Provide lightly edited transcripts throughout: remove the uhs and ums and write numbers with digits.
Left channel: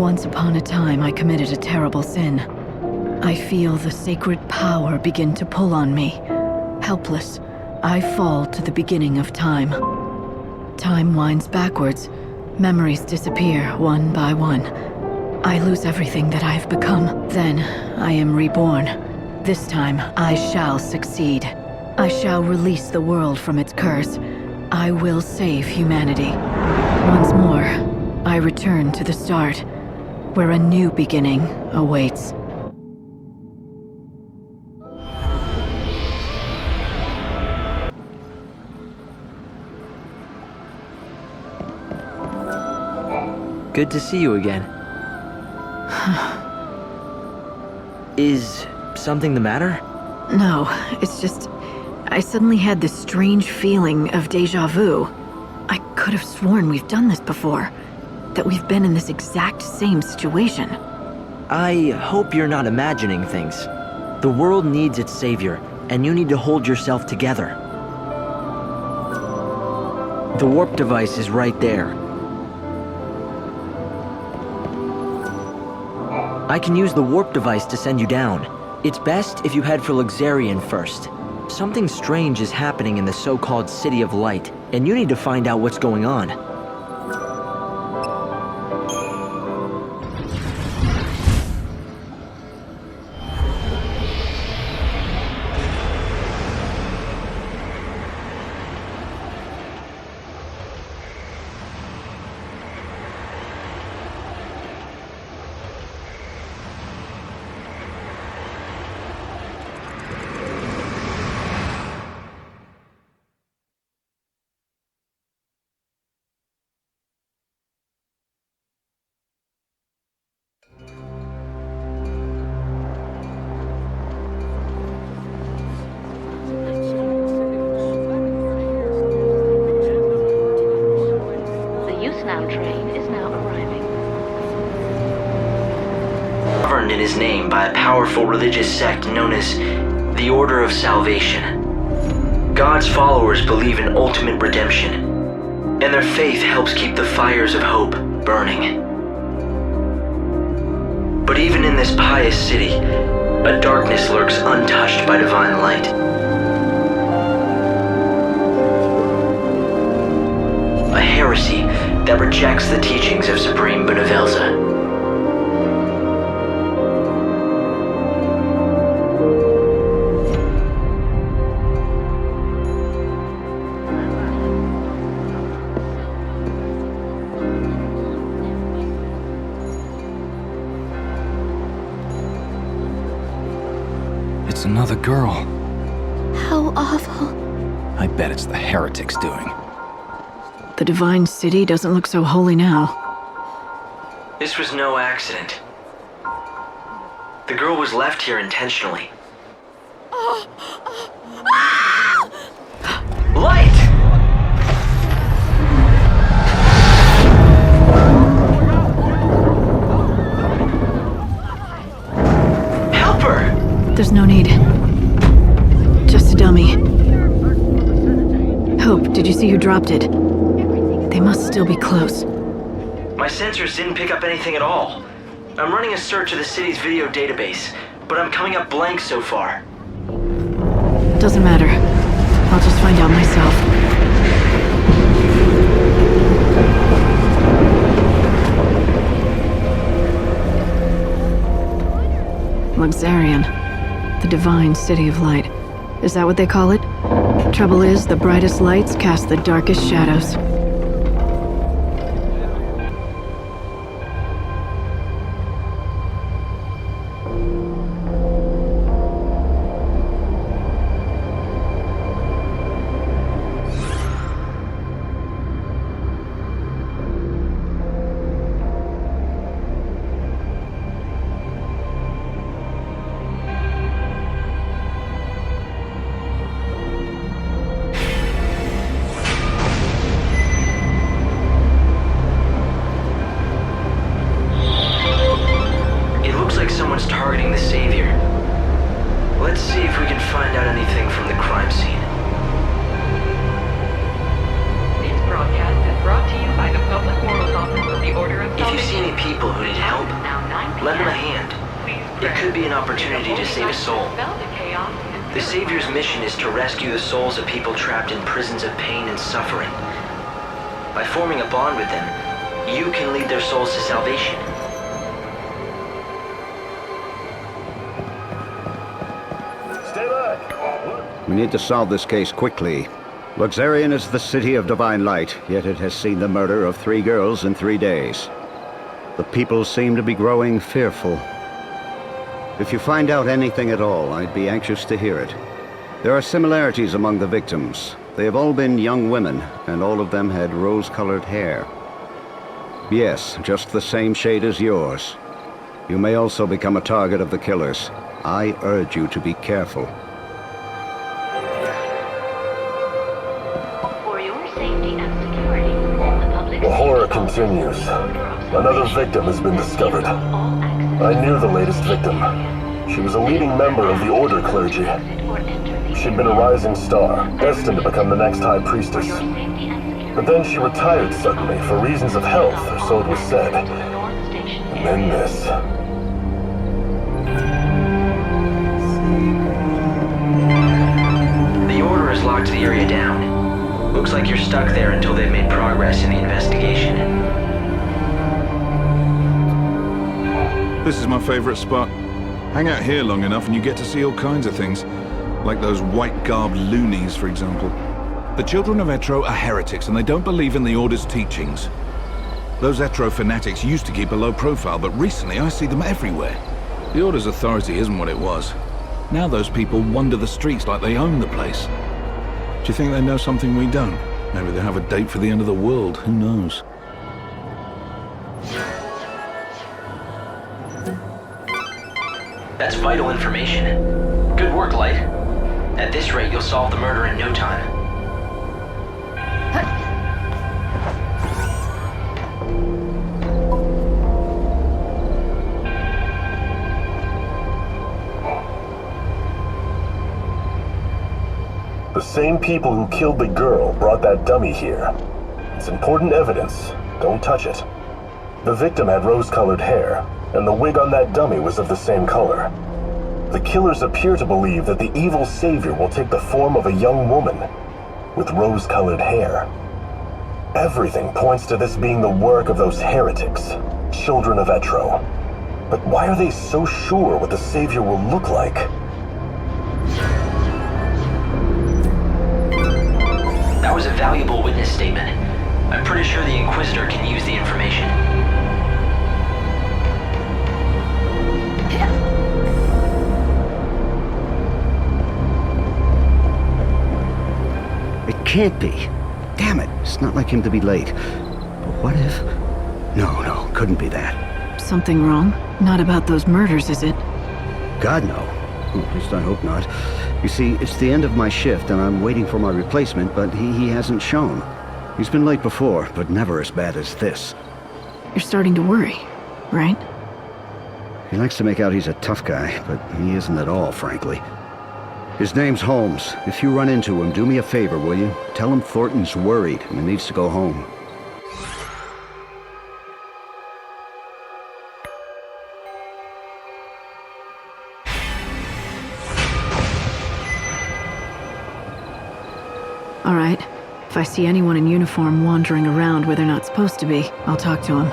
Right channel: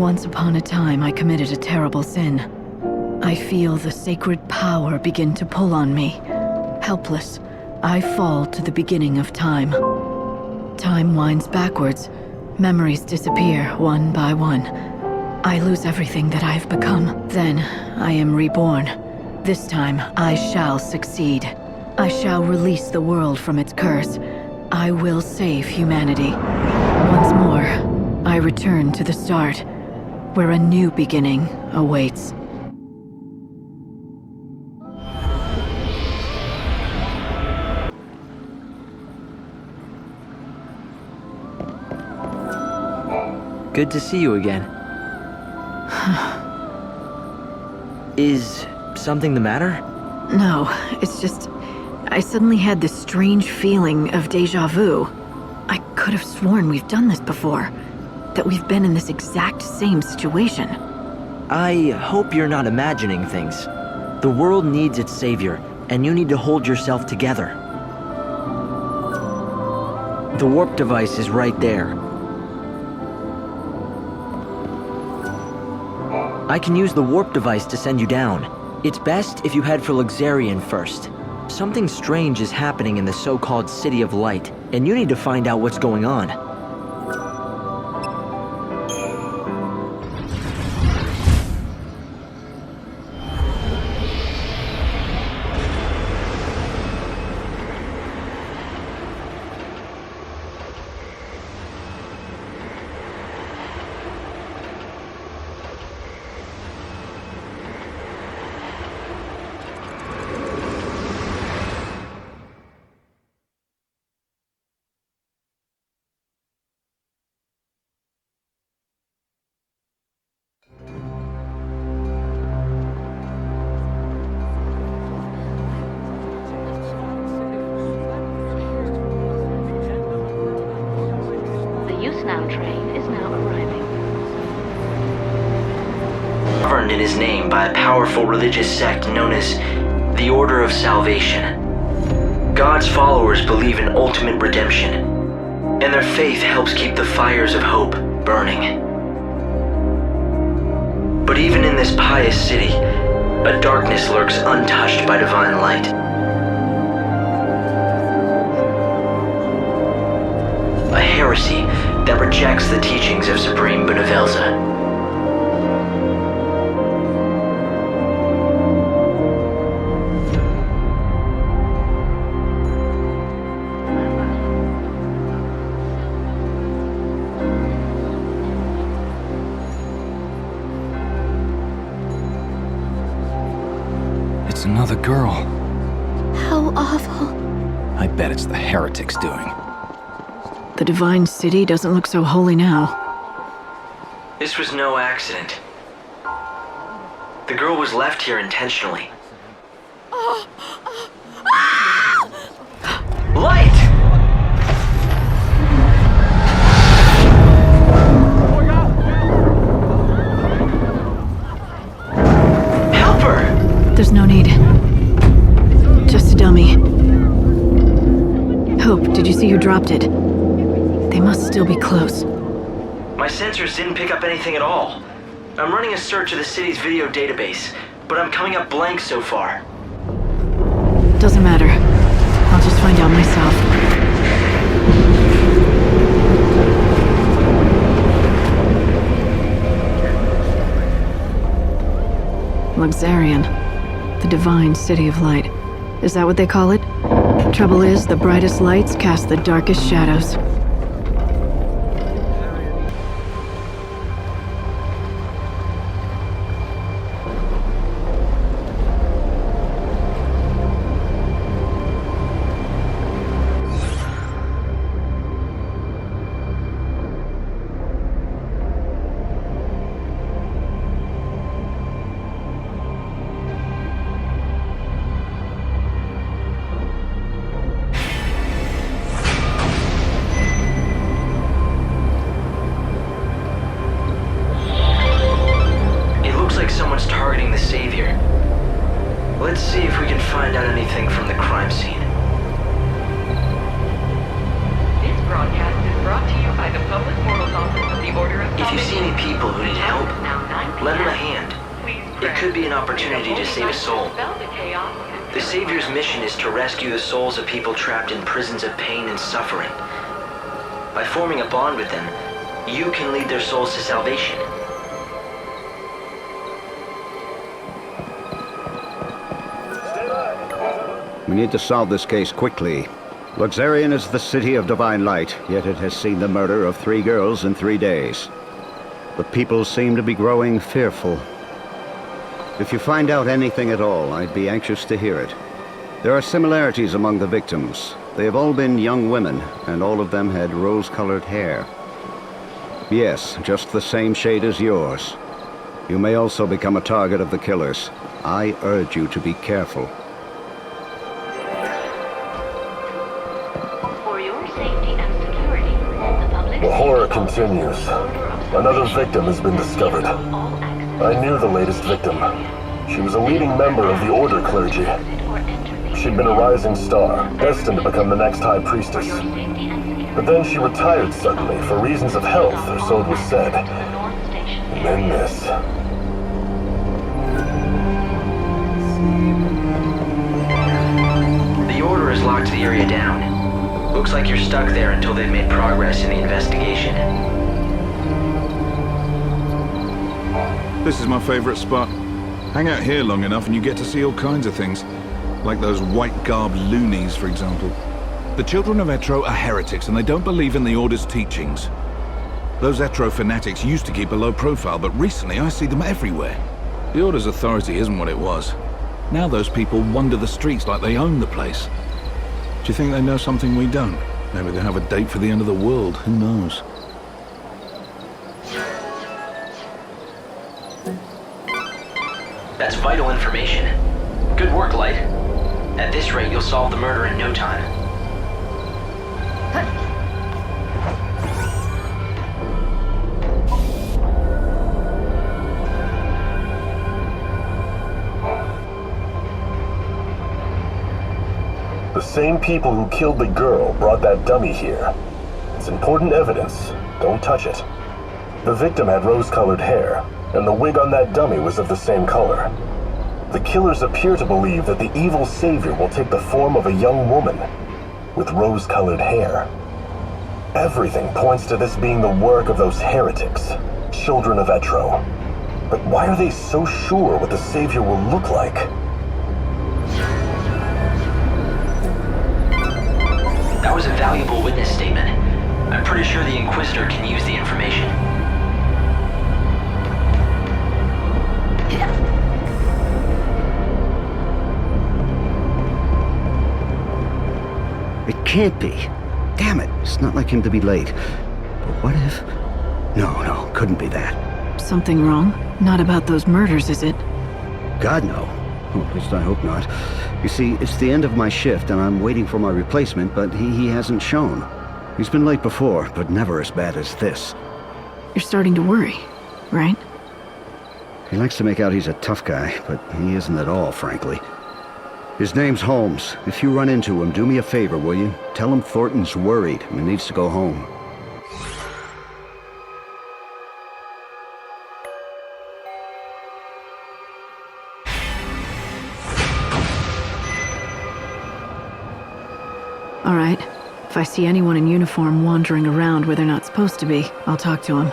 Once upon a time, I committed a terrible sin. I feel the sacred power begin to pull on me. Helpless, I fall to the beginning of time. Time winds backwards. Memories disappear one by one. I lose everything that I have become. Then, I am reborn. This time, I shall succeed. I shall release the world from its curse. I will save humanity. Once more, I return to the start, where a new beginning awaits. Good to see you again. Is something the matter? No, it's just... I suddenly had this strange feeling of déjà vu. I could have sworn we've done this before. That we've been in this exact same situation. I hope you're not imagining things. The world needs its savior, and you need to hold yourself together. The warp device is right there. I can use the warp device to send you down. It's best if you head for Luxerion first. Something strange is happening in the so-called City of Light, and you need to find out what's going on. Train is now arriving. Governed in his name by a powerful religious sect known as the Order of Salvation. God's followers believe in ultimate redemption, and their faith helps keep the fires of hope burning. But even in this pious city, a darkness lurks untouched by divine light. A heresy that rejects the teachings of Supreme Benevelza. It's another girl. How awful. I bet it's the heretics doing. The Divine City doesn't look so holy now. This was no accident. The girl was left here intentionally. Light! Help her! There's no need. Just a dummy. Hope, did you see who dropped it? They must still be close. My sensors didn't pick up anything at all. I'm running a search of the city's video database, but I'm coming up blank so far. Doesn't matter. I'll just find out myself. Luxerion. The Divine City of Light. Is that what they call it? Trouble is, the brightest lights cast the darkest shadows. Someone's targeting the Savior. Let's see if we can find out anything from the crime scene. This broadcast is brought to you by the Public Morals Office of the Order of If you see any people who need help, lend them a hand. It could be an opportunity to save a soul. The Savior's mission is to rescue the souls of people trapped in prisons of pain and suffering. By forming a bond with them, you can lead their souls to salvation. We need to solve this case quickly. Luxerion is the city of divine light, yet it has seen the murder of 3 girls in 3 days. The people seem to be growing fearful. If you find out anything at all, I'd be anxious to hear it. There are similarities among the victims. They have all been young women, and all of them had rose-colored hair. Yes, just the same shade as yours. You may also become a target of the killers. I urge you to be careful. For your safety and security, the public... The horror continues. Another victim has been discovered. I knew the latest victim. She was a leading member of the Order clergy. She'd been a rising star, destined to become the next High Priestess. But then she retired suddenly, for reasons of health, or so it was said. And then this. The Order has locked the area down. Looks like you're stuck there until they've made progress in the investigation. This is my favorite spot. Hang out here long enough and you get to see all kinds of things. Like those white-garbed loonies, for example. The children of Etro are heretics and they don't believe in the Order's teachings. Those Etro fanatics used to keep a low profile, but recently I see them everywhere. The Order's authority isn't what it was. Now those people wander the streets like they own the place. Do you think they know something we don't? Maybe they have a date for the end of the world, who knows? That's vital information. Good work, Light. At this rate, you'll solve the murder in no time. The same people who killed the girl brought that dummy here. It's important evidence. Don't touch it. The victim had rose-colored hair, and the wig on that dummy was of the same color. The killers appear to believe that the evil savior will take the form of a young woman with rose-colored hair. Everything points to this being the work of those heretics, children of Etro. But why are they so sure what the savior will look like? That was a valuable witness statement. I'm pretty sure the Inquisitor can use the information. It can't be. Damn it, it's not like him to be late. But what if... No, couldn't be that. Something wrong? Not about those murders, is it? God, no. Well, at least I hope not. You see, it's the end of my shift and I'm waiting for my replacement, but he hasn't shown. He's been late before, but never as bad as this. You're starting to worry, right? He likes to make out he's a tough guy, but he isn't at all, frankly. His name's Holmes. If you run into him, do me a favor, will you? Tell him Thornton's worried and needs to go home. All right. If I see anyone in uniform wandering around where they're not supposed to be, I'll talk to them.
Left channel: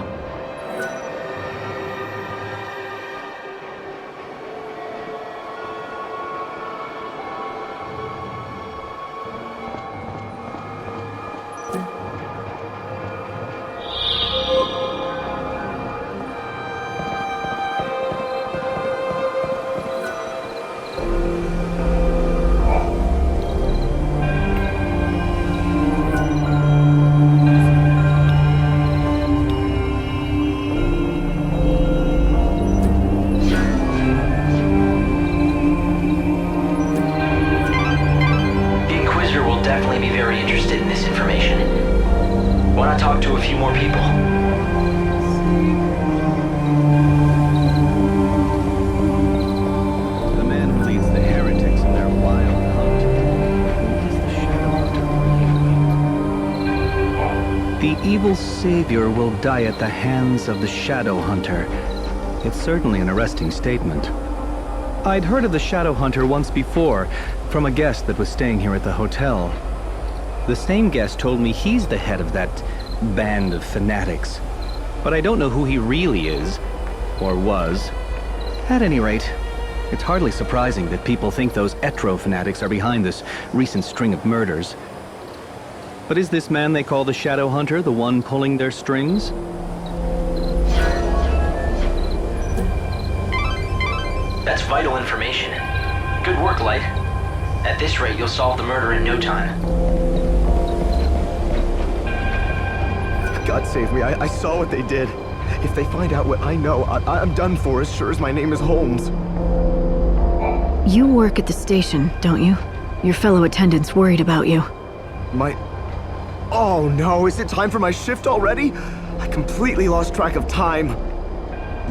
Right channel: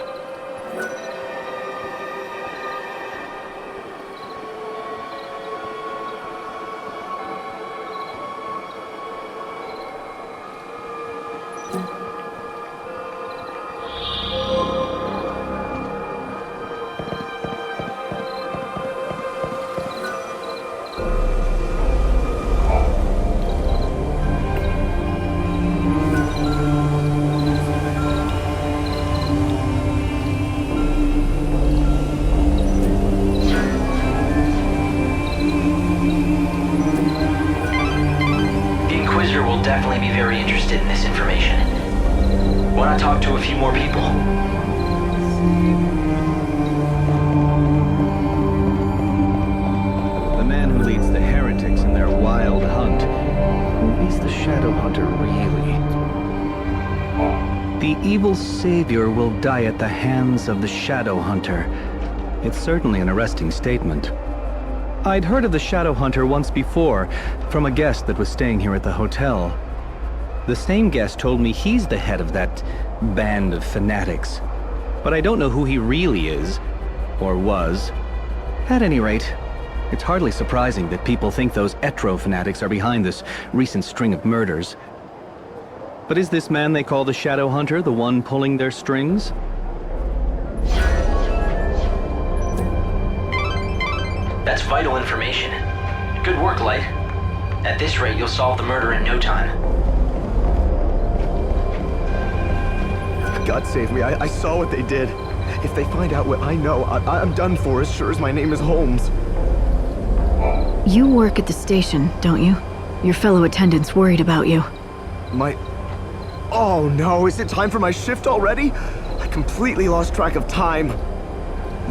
Definitely be very interested in this information. Why not talk to a few more people? The man who leads the heretics in their wild hunt. Who is the Shadow Hunter, really? The evil savior will die at the hands of the Shadow Hunter. It's certainly an arresting statement. I'd heard of the Shadow Hunter once before, from a guest that was staying here at the hotel. The same guest told me he's the head of that band of fanatics. But I don't know who he really is, or was. At any rate, it's hardly surprising that people think those Etro fanatics are behind this recent string of murders. But is this man they call the Shadow Hunter the one pulling their strings? That's vital information. Good work, Light. At this rate, you'll solve the murder in no time. God save me, I saw what they did. If they find out what I know, I'm done for, as sure as my name is Holmes. You work at the station, don't you? Your fellow attendants worried about you. Oh no, is it time for my shift already? I completely lost track of time.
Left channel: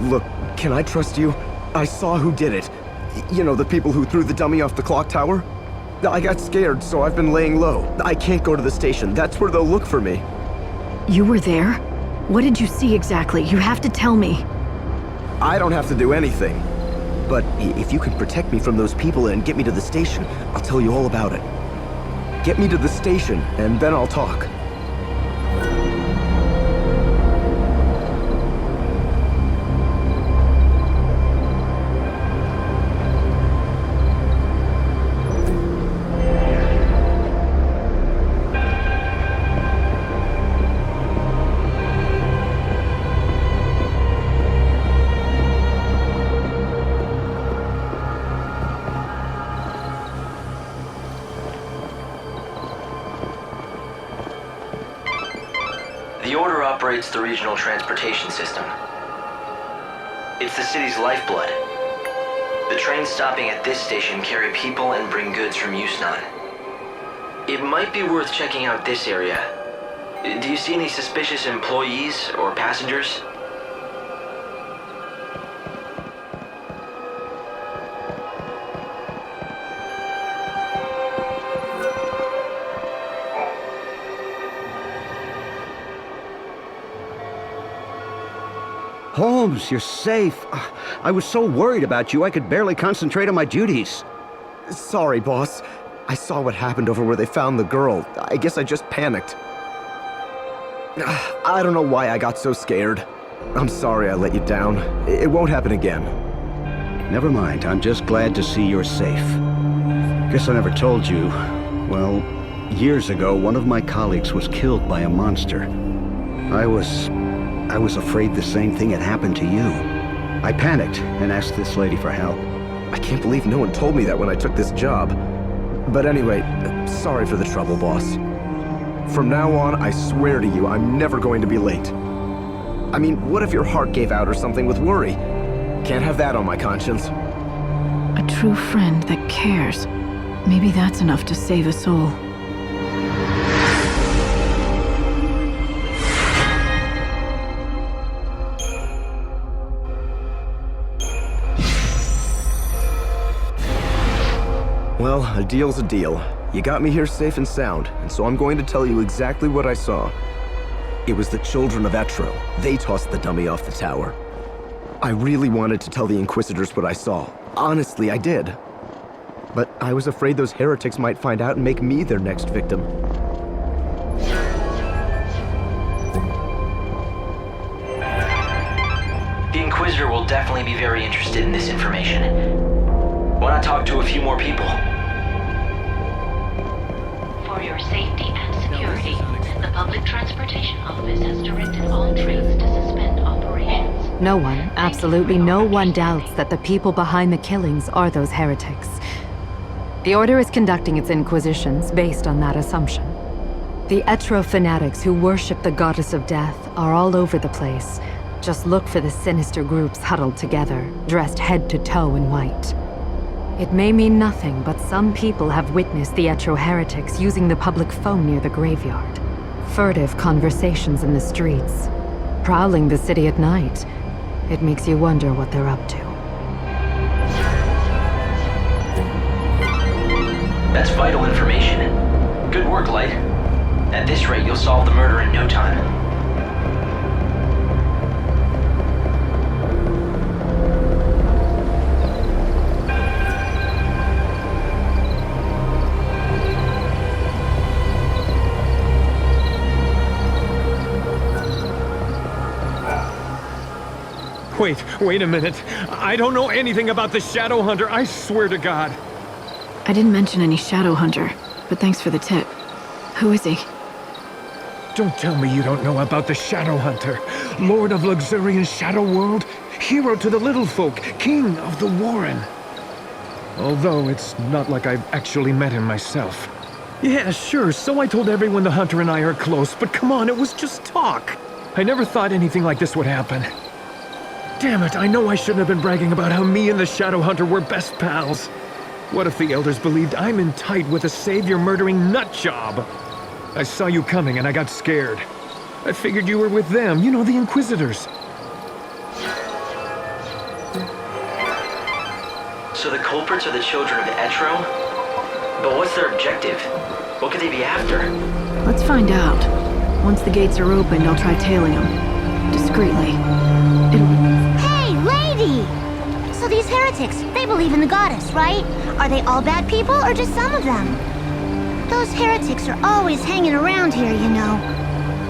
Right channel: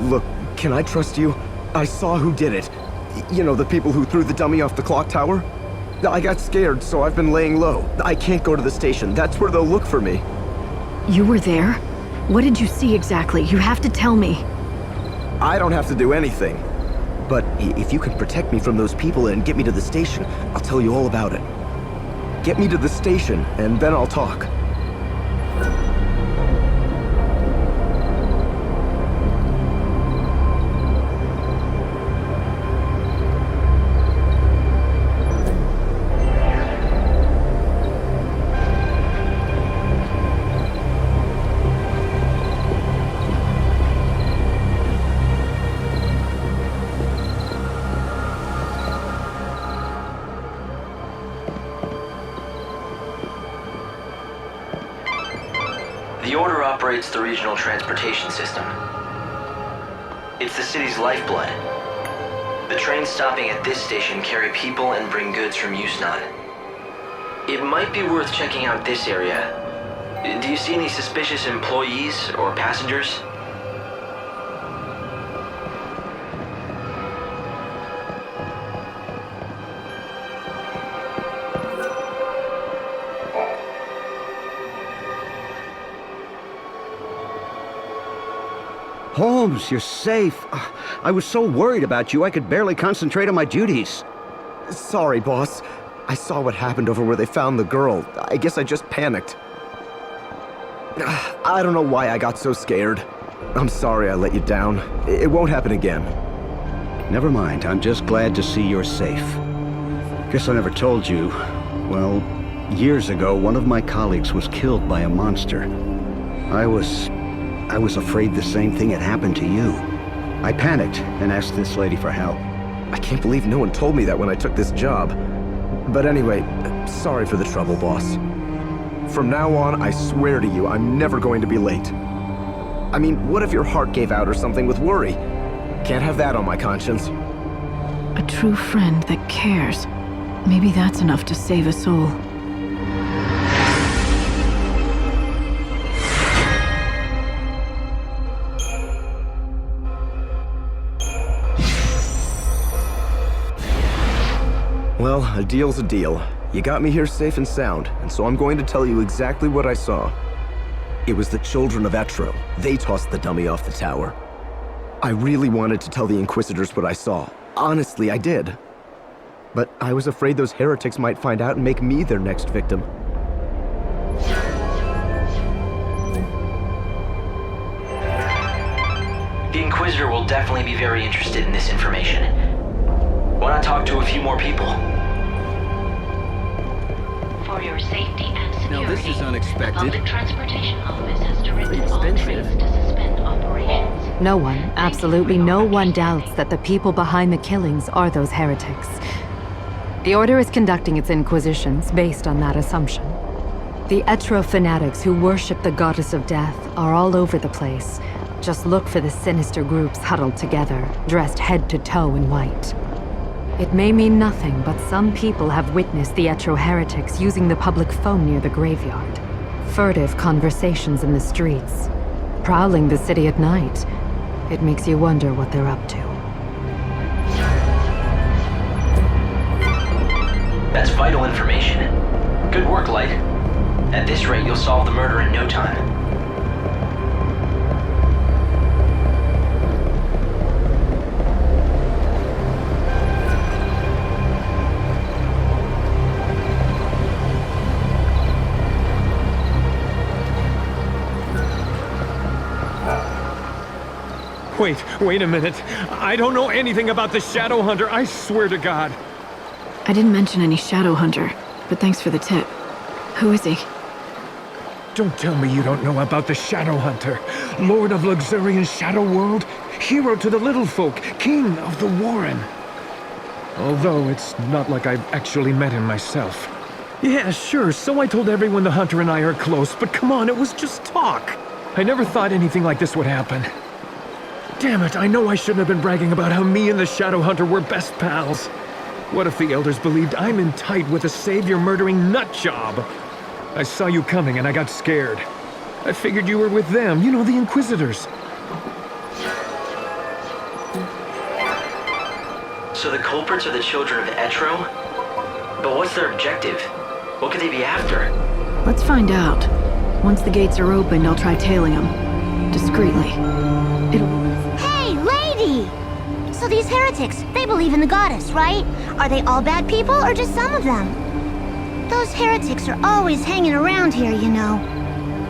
Look, can I trust you? I saw who did it. You know, the people who threw the dummy off the clock tower? I got scared, so I've been laying low. I can't go to the station. That's where they'll look for me. You were there? What did you see exactly? You have to tell me. I don't have to do anything. But if you can protect me from those people and get me to the station, I'll tell you all about it. Get me to the station, and then I'll talk. The Order operates the regional transportation system. It's the city's lifeblood. The trains stopping at this station carry people and bring goods from Yusnan. It might be worth checking out this area. Do you see any suspicious employees or passengers? Holmes, you're safe. I was so worried about you, I could barely concentrate on my duties. Sorry, boss. I saw what happened over where they found the girl. I guess I just panicked. I don't know why I got so scared. I'm sorry I let you down. It won't happen again. Never mind, I'm just glad to see you're safe. Guess I never told you. Well, years ago, one of my colleagues was killed by a monster. I was afraid the same thing had happened to you. I panicked and asked this lady for help. I can't believe no one told me that when I took this job. But anyway, sorry for the trouble, boss. From now on, I swear to you, I'm never going to be late. I mean, what if your heart gave out or something with worry? Can't have that on my conscience. A true friend that cares. Maybe that's enough to save a soul. Well, a deal's a deal. You got me here safe and sound, and so I'm going to tell you exactly what I saw. It was the children of Etro. They tossed the dummy off the tower. I really wanted to tell the Inquisitors what I saw. Honestly, I did. But I was afraid those heretics might find out and make me their next victim. The Inquisitor will definitely be very interested in this information. Why not talk to a few more people? For your safety and Now, this security, is unexpected. the Public Transportation Office has directed all trains to suspend operations. No one, absolutely no one doubts that the people behind the killings are those heretics. The Order is conducting its inquisitions based on that assumption. The Etro fanatics who worship the goddess of death are all over the place. Just look for the sinister groups huddled together, dressed head to toe in white. It may mean nothing, but some people have witnessed the Etro heretics using the public phone near the graveyard. Furtive conversations in the streets. Prowling the city at night. It makes you wonder what they're up to. That's vital information. Good work, Light. At this rate, you'll solve the murder in no time. Wait a minute. I don't know anything about the Shadow Hunter, I swear to God. I didn't mention any Shadow Hunter, but thanks for the tip. Who is he? Don't tell me you don't know about the Shadow Hunter. Lord of Luxerion's Shadow World, hero to the little folk, king of the Warren. Although it's not like I've actually met him myself. Yeah, sure, so I told everyone the Hunter and I are close, but come on, it was just talk. I never thought anything like this would happen. Damn it, I know I shouldn't have been bragging about how me and the Shadow Hunter were best pals. What if the elders believed I'm in tight with a savior-murdering nutjob? I saw you coming and I got scared. I figured you were with them, you know, the Inquisitors. So the culprits are the children of Etro? But what's their objective? What could they be after? Let's find out. Once the gates are opened, I'll try tailing them. Discreetly. Hey, lady! So these heretics, they believe in the goddess, right? Are they all bad people, or just some of them? Those heretics are always hanging around here, you know.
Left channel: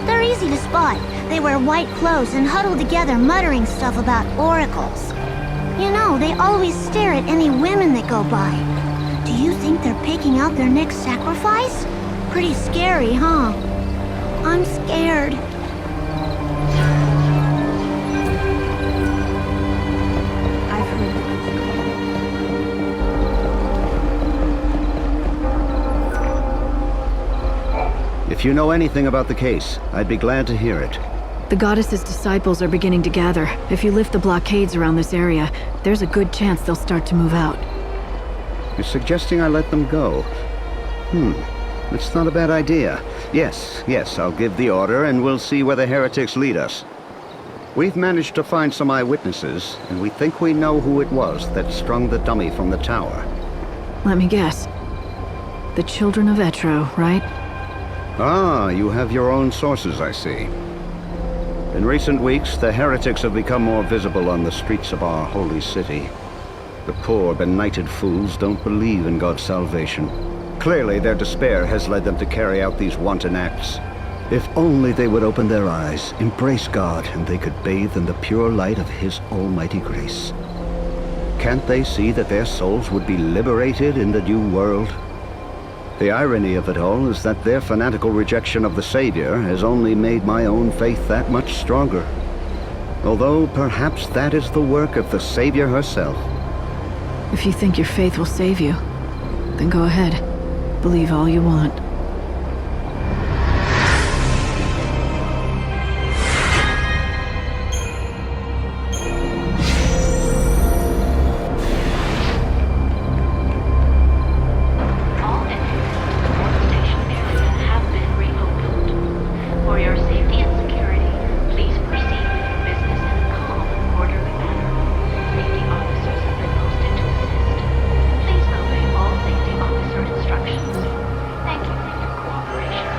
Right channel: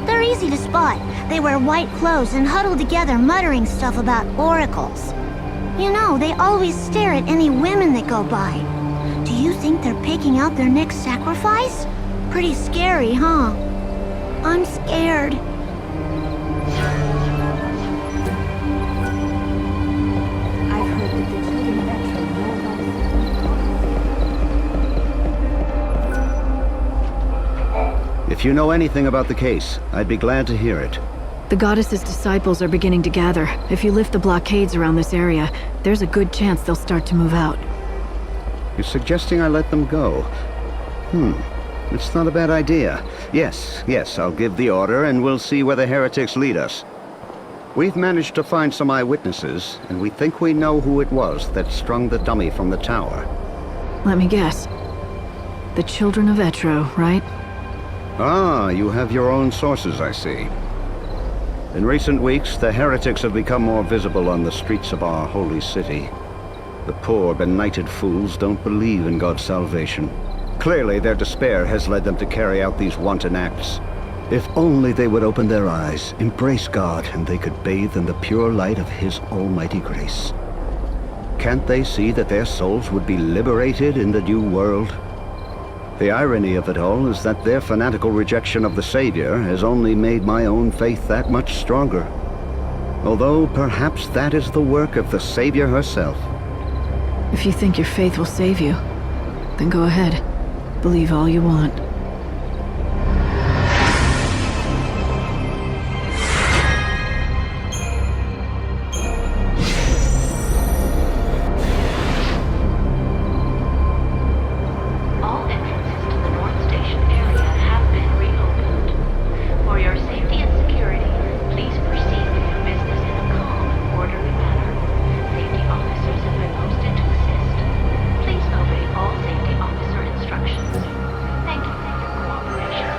They're easy to spot. They wear white clothes and huddle together muttering stuff about oracles. You know, they always stare at any women that go by. Do you think they're picking out their next sacrifice? Pretty scary, huh? I'm scared. I've heard that the children of If you know anything about the case, I'd be glad to hear it. The goddess's disciples are beginning to gather. If you lift the blockades around this area, there's a good chance they'll start to move out. You're suggesting I let them go? It's not a bad idea. Yes, I'll give the order and we'll see where the heretics lead us. We've managed to find some eyewitnesses, and we think we know who it was that strung the dummy from the tower. Let me guess. The children of Etro, right? Ah, you have your own sources, I see. In recent weeks, the heretics have become more visible on the streets of our holy city. The poor, benighted fools don't believe in God's salvation. Clearly, their despair has led them to carry out these wanton acts. If only they would open their eyes, embrace God, and they could bathe in the pure light of His almighty grace. Can't they see that their souls would be liberated in the new world? The irony of it all is that their fanatical rejection of the Savior has only made my own faith that much stronger. Although perhaps that is the work of the Savior herself. If you think your faith will save you, then go ahead. Believe all you want. All entrances to the North Station area have been reopened. For your safety and security, please proceed with your business in a calm and orderly manner. Safety officers have been posted to assist. Please obey all safety officer instructions. Thank you for your cooperation.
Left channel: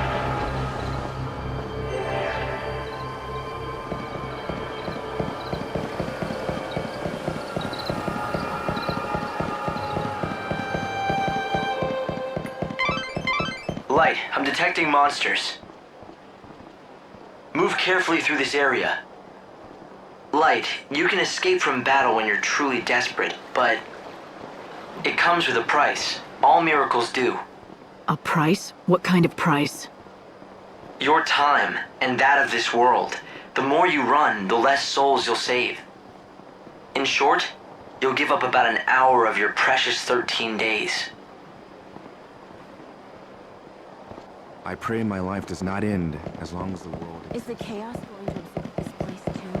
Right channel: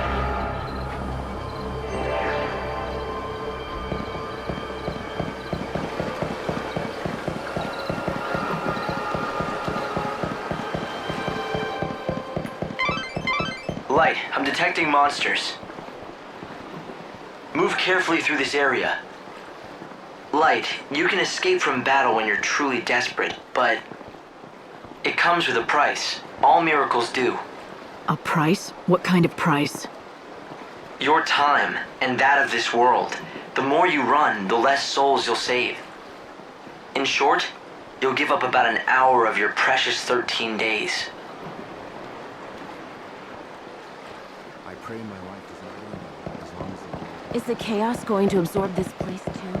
Light, I'm detecting monsters. Move carefully through this area. Light, you can escape from battle when you're truly desperate, but it comes with a price. All miracles do. A price? What kind of price? Your time, and that of this world. The more you run, the less souls you'll save. In short, you'll give up about an hour of your precious 13 days. I pray my life does not end as long as the world... Is the chaos going to absorb this place too?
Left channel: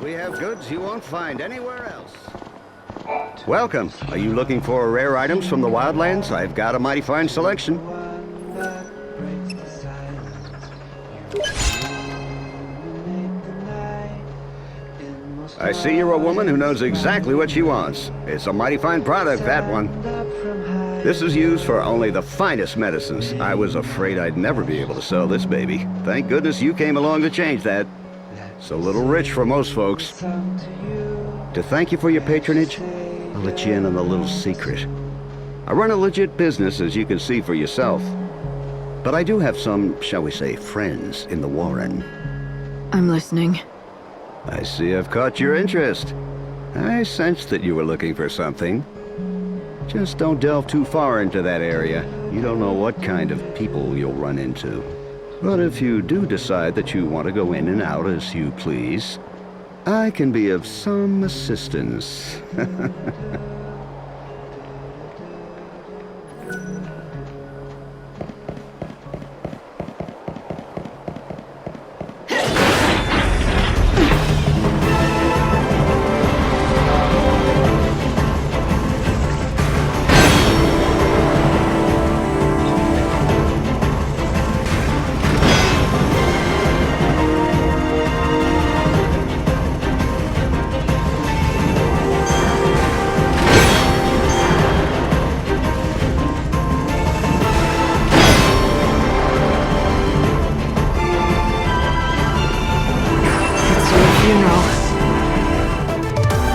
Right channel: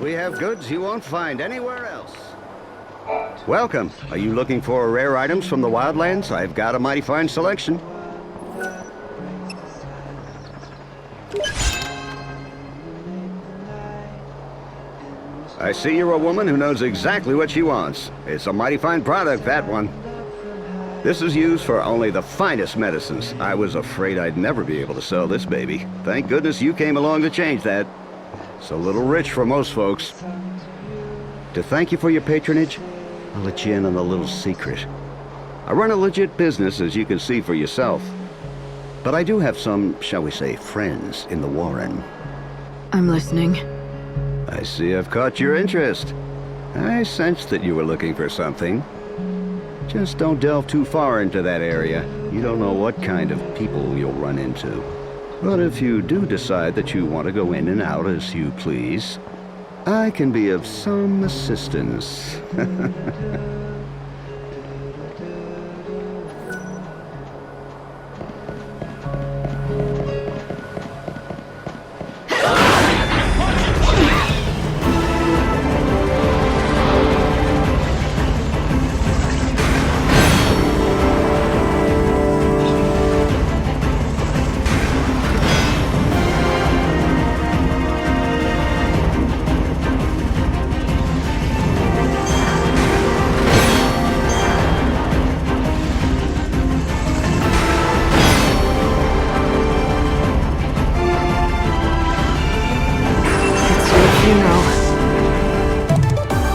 We have goods you won't find anywhere else. Welcome. Are you looking for rare items from the wildlands? I've got a mighty fine selection. I see you're a woman who knows exactly what she wants. It's a mighty fine product, that one. This is used for only the finest medicines. I was afraid I'd never be able to sell this baby. Thank goodness you came along to change that. It's a little rich for most folks. To thank you for your patronage, I'll let you in on a little secret. I run a legit business, as you can see for yourself. But I do have some, shall we say, friends in the Warren. I'm listening. I see I've caught your interest. I sensed that you were looking for something. Just don't delve too far into that area. You don't know what kind of people you'll run into. But if you do decide that you want to go in and out as you please, I can be of some assistance. Funeral.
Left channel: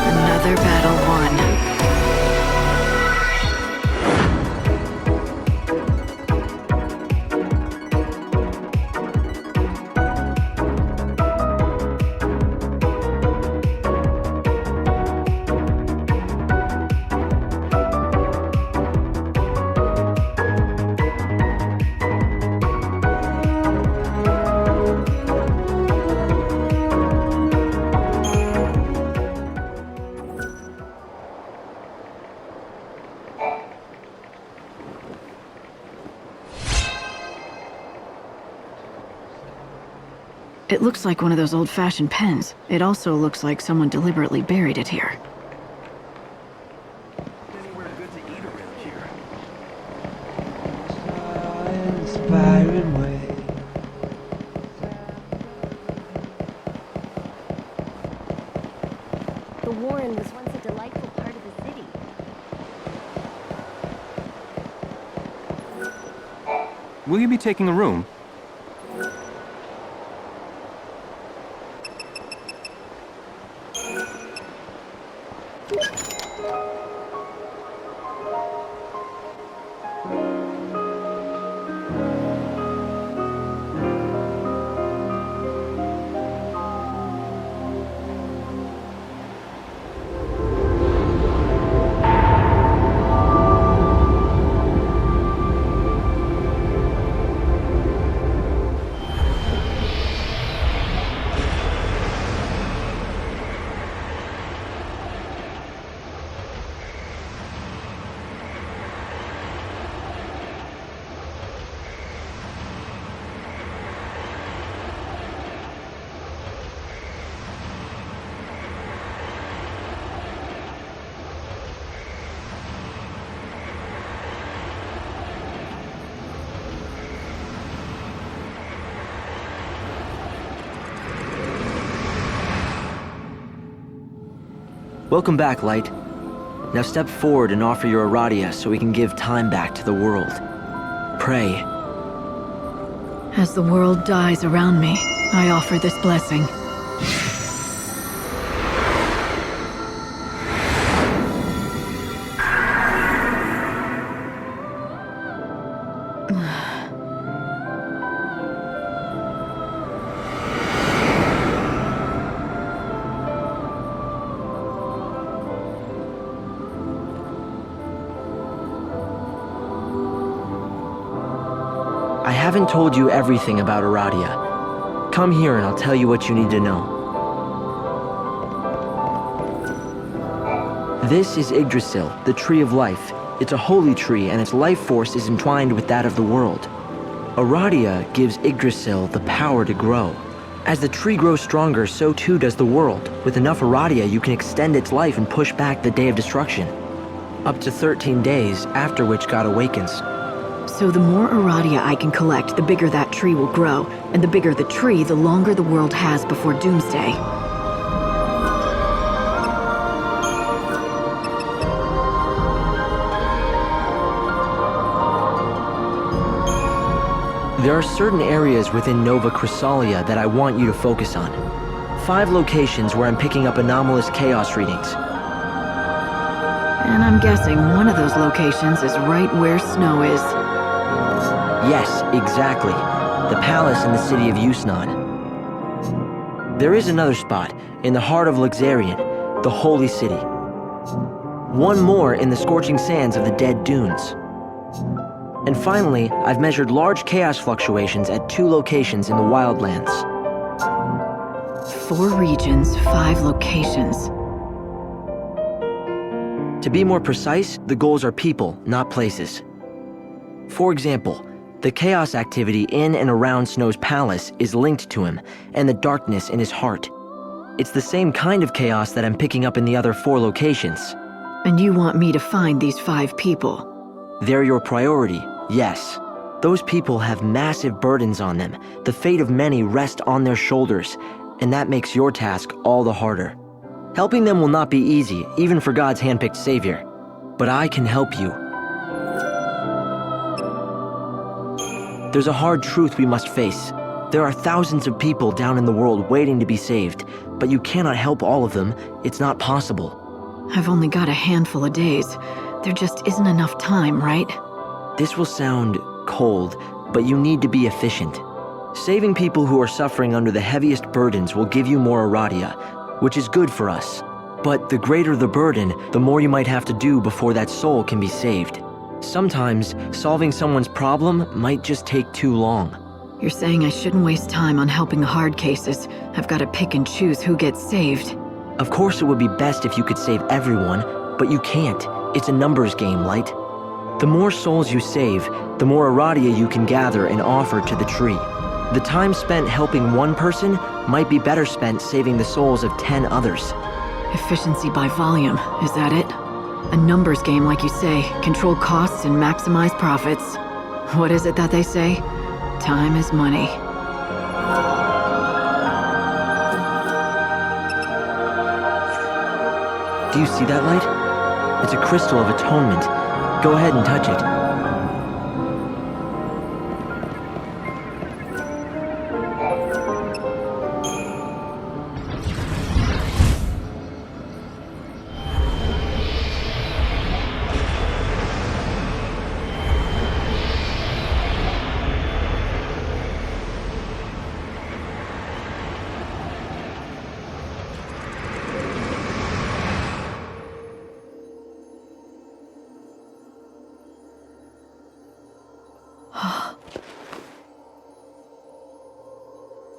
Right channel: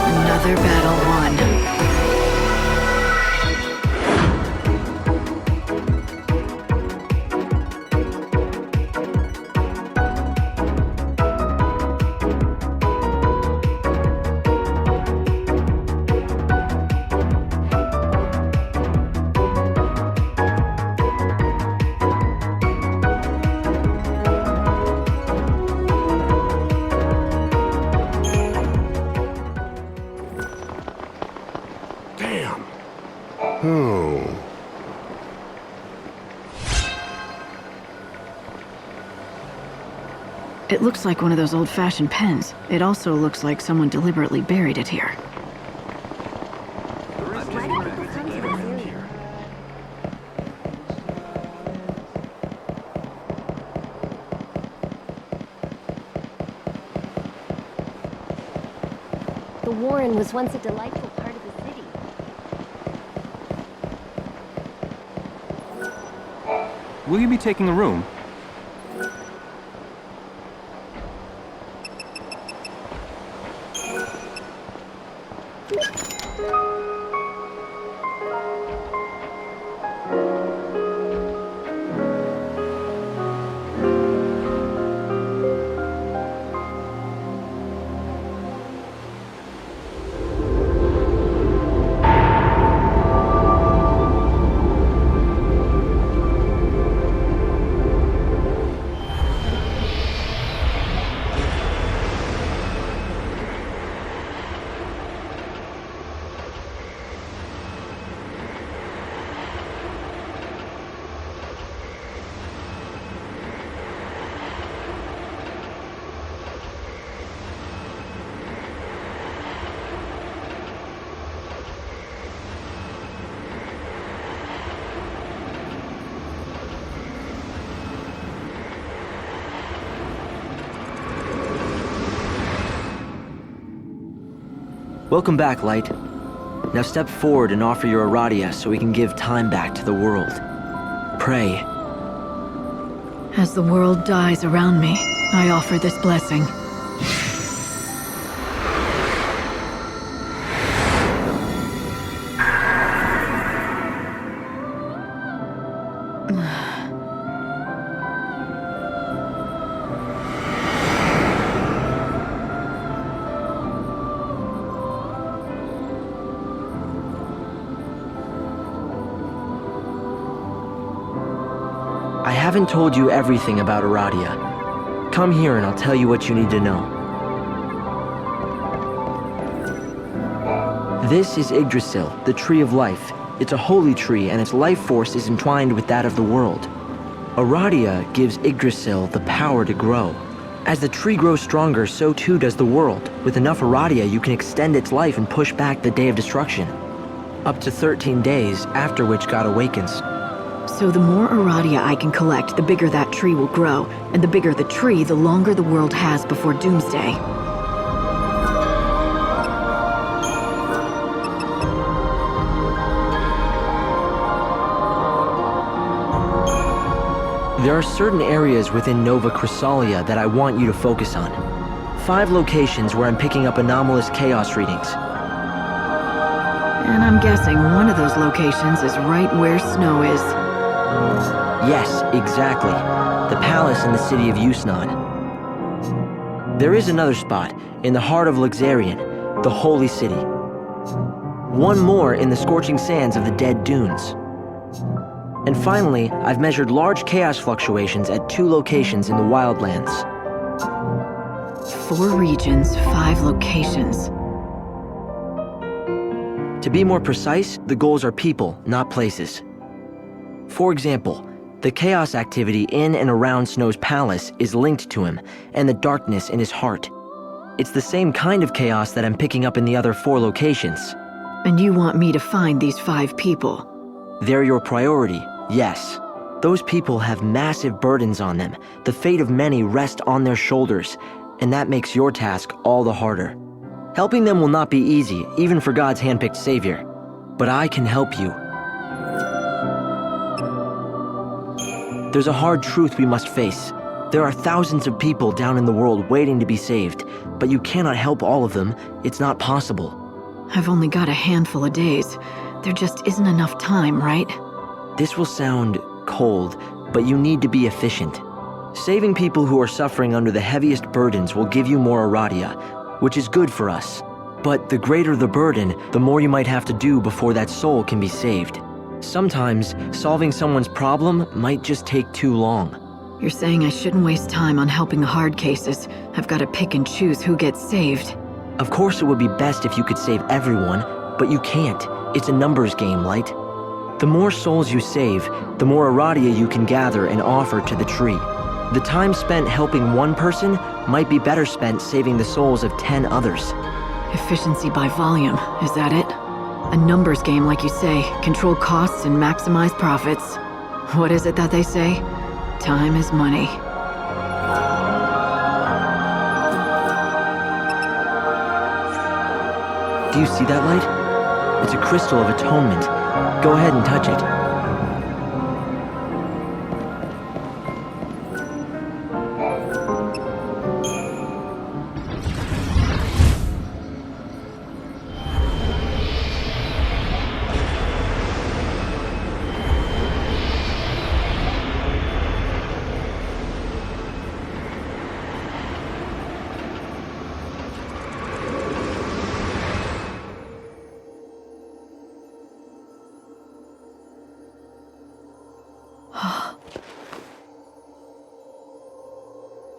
Another battle won. It looks like one of those old-fashioned pens. It also looks like someone deliberately buried it here. The Warren was once a delightful part of the city. Will you be taking a room? Welcome back, Light. Now step forward and offer your Aradia so we can give time back to the world. Pray. As the world dies around me, I offer this blessing. I haven't told you everything about Aradia. Come here and I'll tell you what you need to know. This is Yggdrasil, the Tree of Life. It's a holy tree and its life force is entwined with that of the world. Aradia gives Yggdrasil the power to grow. As the tree grows stronger, so too does the world. With enough Aradia, you can extend its life and push back the Day of Destruction. Up to 13 days, after which God awakens. So the more Aradia I can collect, the bigger that tree will grow. And the bigger the tree, the longer the world has before Doomsday. There are certain areas within Nova Chrysalia that I want you to focus on. 5 locations where I'm picking up anomalous chaos readings. And I'm guessing one of those locations is right where Snow is. Yes, exactly. The palace in the city of Yusnan. There is another spot, in the heart of Luxerion, the holy city. One more in the scorching sands of the Dead Dunes. And finally, I've measured large chaos fluctuations at 2 locations in the Wildlands. 4 regions, 5 locations. To be more precise, the goals are people, not places. For example, the chaos activity in and around Snow's palace is linked to him, and the darkness in his heart. It's the same kind of chaos that I'm picking up in the other 4 locations. And you want me to find these 5 people? They're your priority, yes. Those people have massive burdens on them. The fate of many rests on their shoulders, and that makes your task all the harder. Helping them will not be easy, even for God's handpicked savior. But I can help you. There's a hard truth we must face. There are thousands of people down in the world waiting to be saved, but you cannot help all of them. It's not possible. I've only got a handful of days. There just isn't enough time, right? This will sound cold, but you need to be efficient. Saving people who are suffering under the heaviest burdens will give you more Aradia, which is good for us. But the greater the burden, the more you might have to do before that soul can be saved. Sometimes, solving someone's problem might just take too long. You're saying I shouldn't waste time on helping the hard cases. I've got to pick and choose who gets saved. Of course it would be best if you could save everyone, but you can't. It's a numbers game, Light. The more souls you save, the more Aradia you can gather and offer to the tree. The time spent helping one person might be better spent saving the souls of 10 others. Efficiency by volume, is that it? A numbers game, like you say. Control costs and maximize profits. What is it that they say? Time is money. Do you see that light? It's a crystal of atonement. Go ahead and touch it.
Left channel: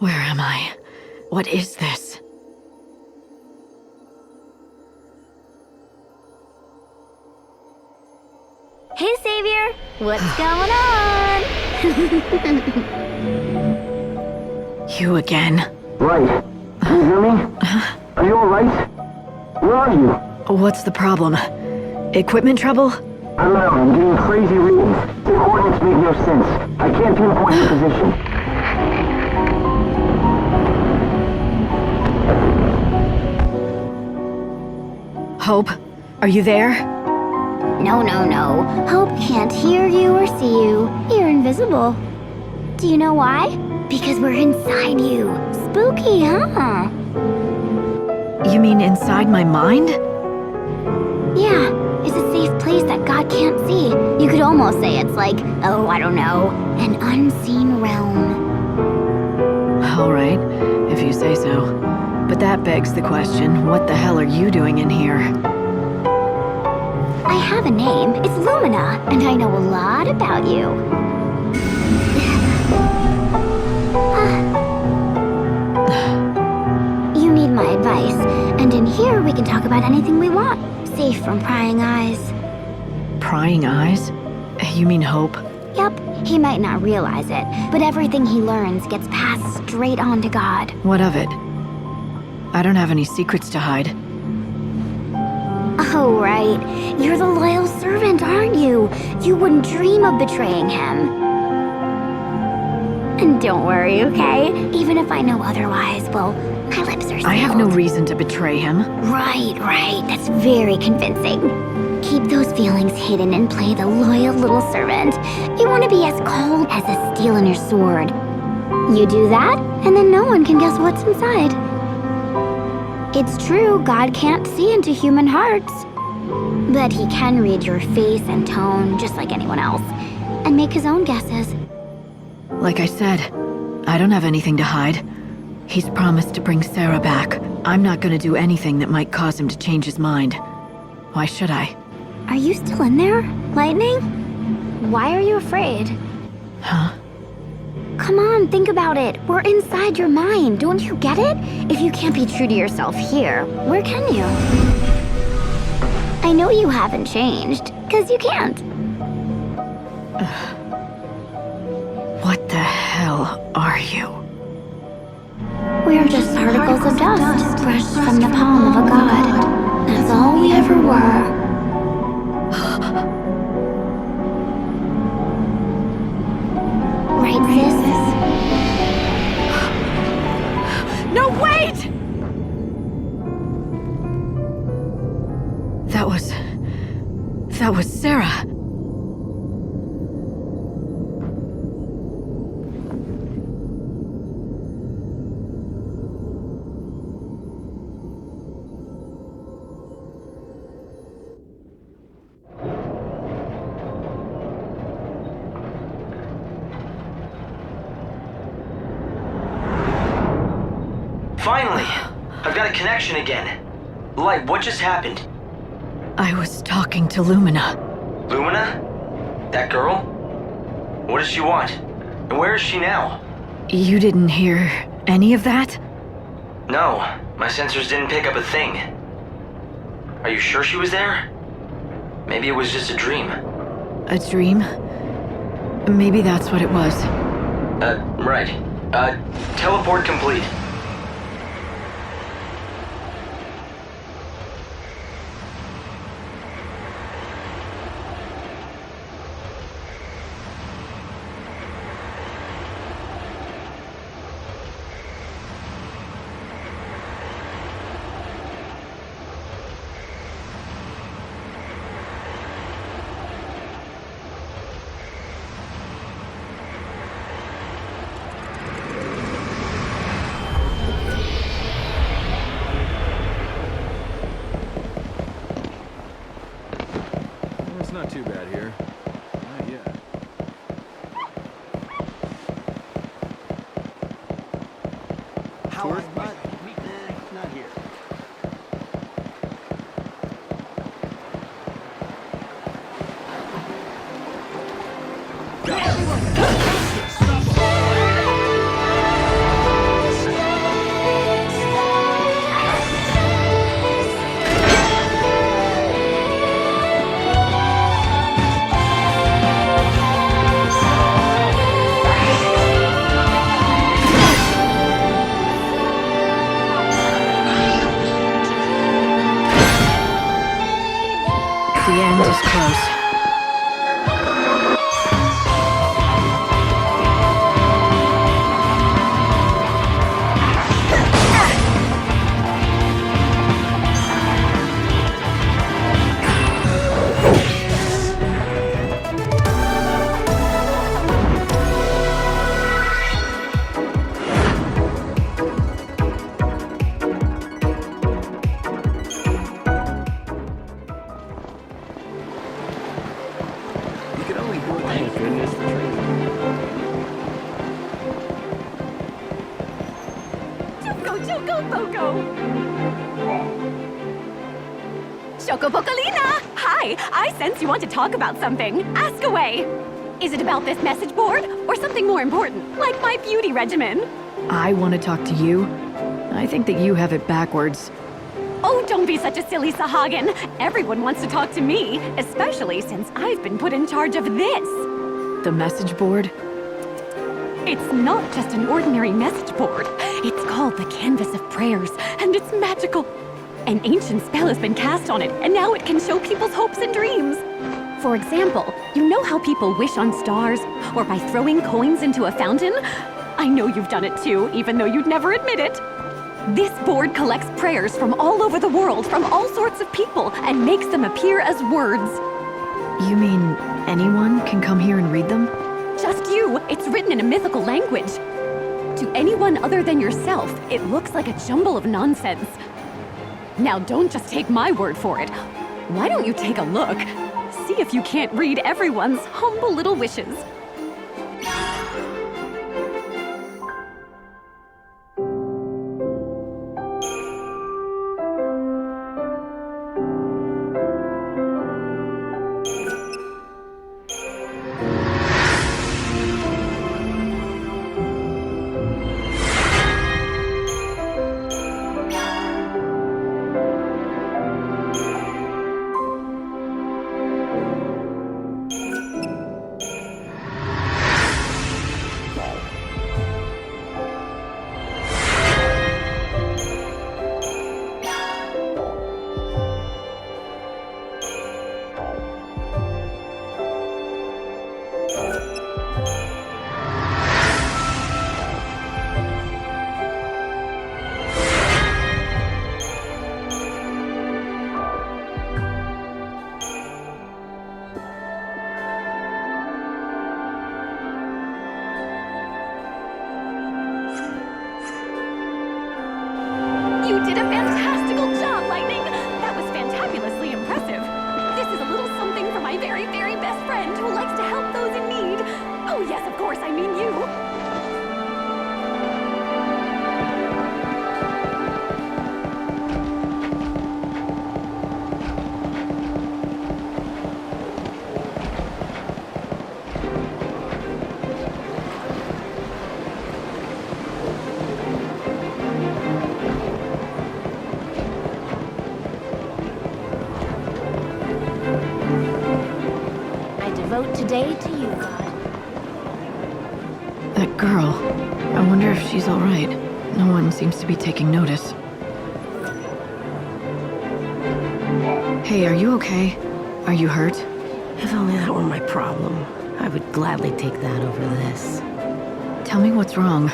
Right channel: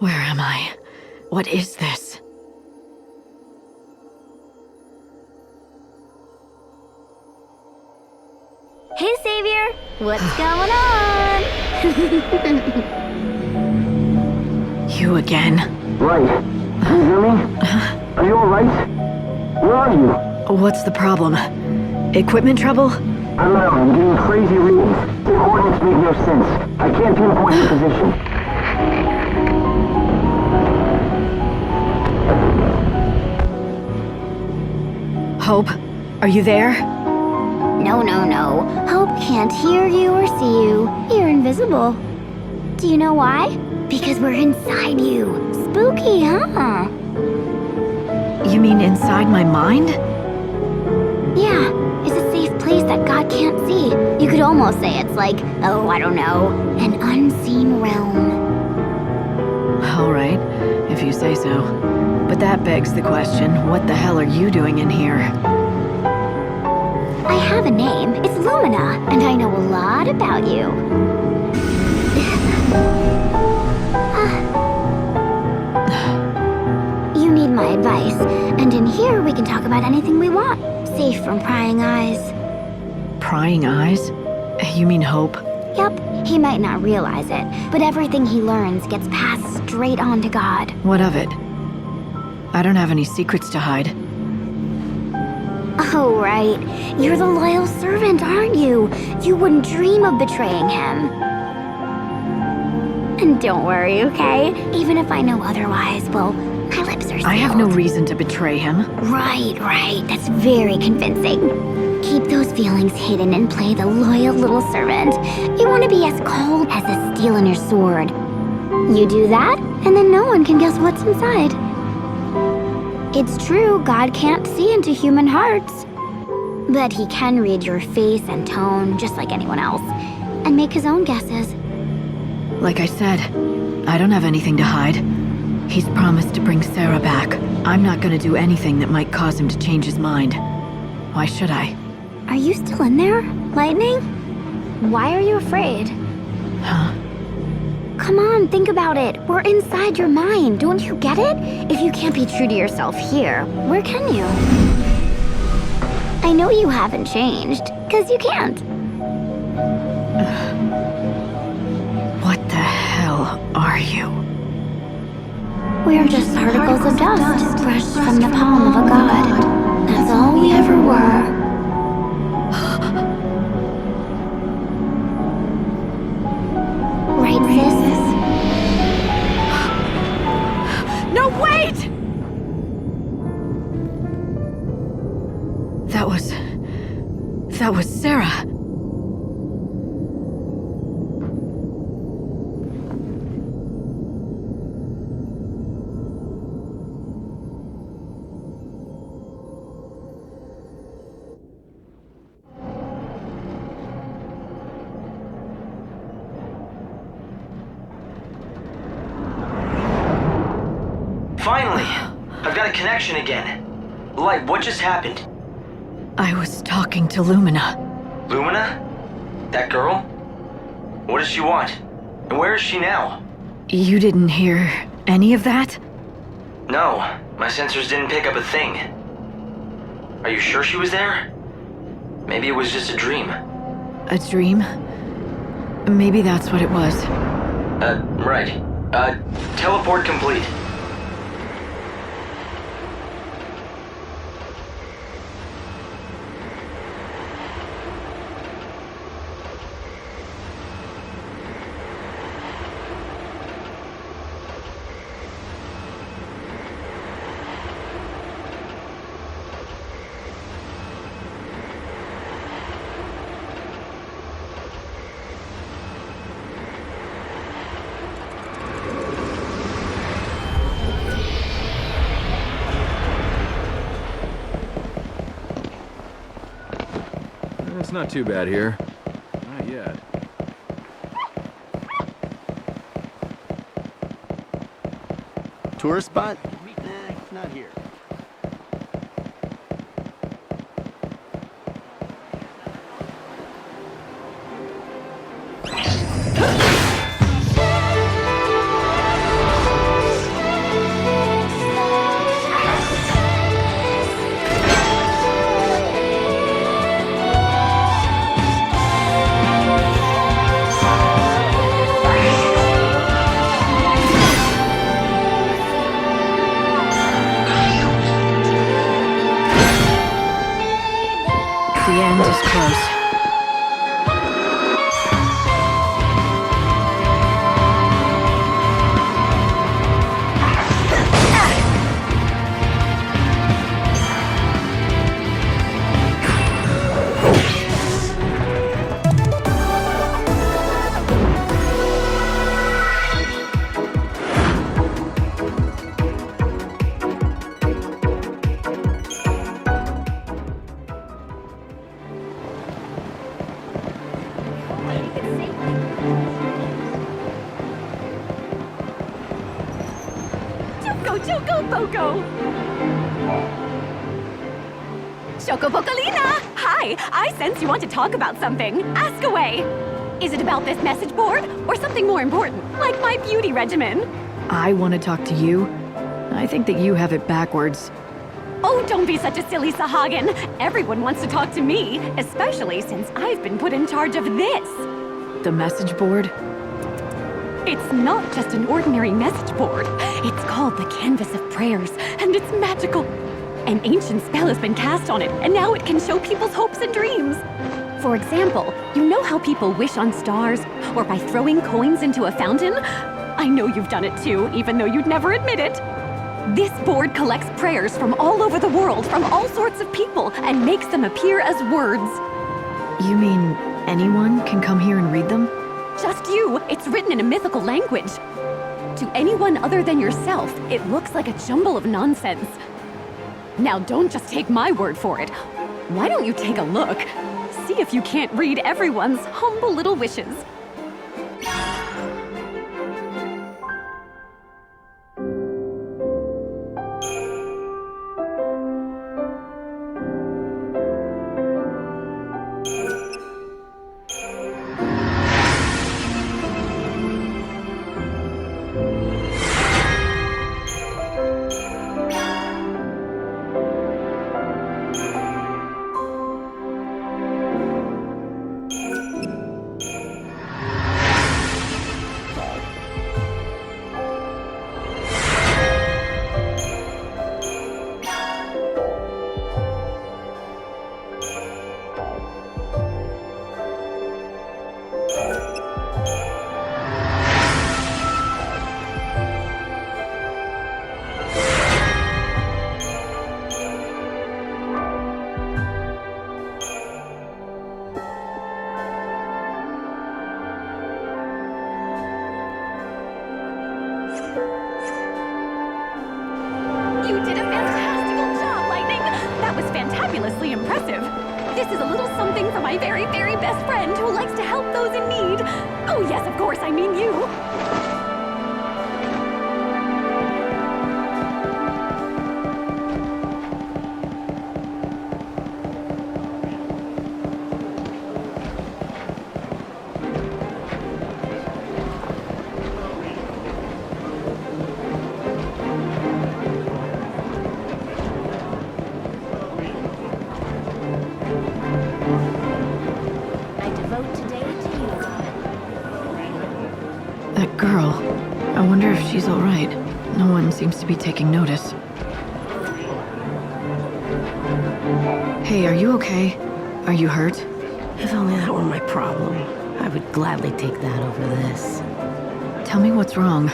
Where am I? What is this? Hey, Savior! What's going on? You again? Right. Can you hear me? Are you alright? Where are you? What's the problem? Equipment trouble? I'm out. I'm getting crazy readings. The coordinates make no sense. I can't pinpoint your position. Hope, are you there? No. Hope can't hear you or see you. You're invisible. Do you know why? Because we're inside you. Spooky, huh? You mean inside my mind? Yeah, it's a safe place that God can't see. You could almost say it's like, oh, I don't know, an unseen realm. All right, if you say so. But that begs the question, what the hell are you doing in here? I have a name. It's Lumina, and I know a lot about you. You need my advice, and in here we can talk about anything we want, safe from prying eyes. Prying eyes? You mean Hope? Yep, he might not realize it, but everything he learns gets passed straight on to God. What of it? I don't have any secrets to hide. Oh, right. You're the loyal servant, aren't you? You wouldn't dream of betraying him. And don't worry, okay? Even if I know otherwise, well, my lips are sealed. I have no reason to betray him. Right. That's very convincing. Keep those feelings hidden and play the loyal little servant. You want to be as cold as the steel in your sword. You do that, and then no one can guess what's inside. It's true, God can't see into human hearts. But he can read your face and tone just like anyone else, and make his own guesses. Like I said, I don't have anything to hide. He's promised to bring Sarah back. I'm not gonna do anything that might cause him to change his mind. Why should I? Are you still in there, Lightning? Why are you afraid? Huh? Come on, think about it. We're inside your mind. Don't you get it? If you can't be true to yourself here, where can you? I know you haven't changed, because you can't. What the hell are you? We're just particles of dust brushed from the palm of a god. That's all we ever were. Right, sis? No, wait! That was Sarah. Finally! I've got a connection again. Light, what just happened? I was talking to Lumina. Lumina? That girl? What does she want? And where is she now? You didn't hear any of that? No, my sensors didn't pick up a thing. Are you sure she was there? Maybe it was just a dream. A dream? Maybe that's what it was. Right. Teleport complete. It's not too bad here. Not yet. Tourist spot? Not here. The end is close. Chocopocolina! Hi! I sense you want to talk about something. Ask away! Is it about this message board? Or something more important, like my beauty regimen? I want to talk to you. I think that you have it backwards. Oh, don't be such a silly Sahagin. Everyone wants to talk to me, especially since I've been put in charge of this. The message board? It's not just an ordinary message board. It's called the Canvas of Prayers, and it's magical. An ancient spell has been cast on it, and now it can show people's hopes and dreams. For example, you know how people wish on stars, or by throwing coins into a fountain? I know you've done it too, even though you'd never admit it. This board collects prayers from all over the world, from all sorts of people, and makes them appear as words. You mean anyone can come here and read them? Just you. It's written in a mythical language. To anyone other than yourself, it looks like a jumble of nonsense. Now don't just take my word for it. Why don't you take a look? See if you can't read everyone's humble little wishes. You did a fantastical job, Lightning! That was fantabulously impressive. This is a little something for my very, very best friend who likes to help those in need. Oh yes, of course, I mean you. Devote today to you, God. That girl. I wonder if she's all right. No one seems to be taking notice. Hey, are you okay? Are you hurt? If only that were my problem. I would gladly take that over this. Tell me what's wrong.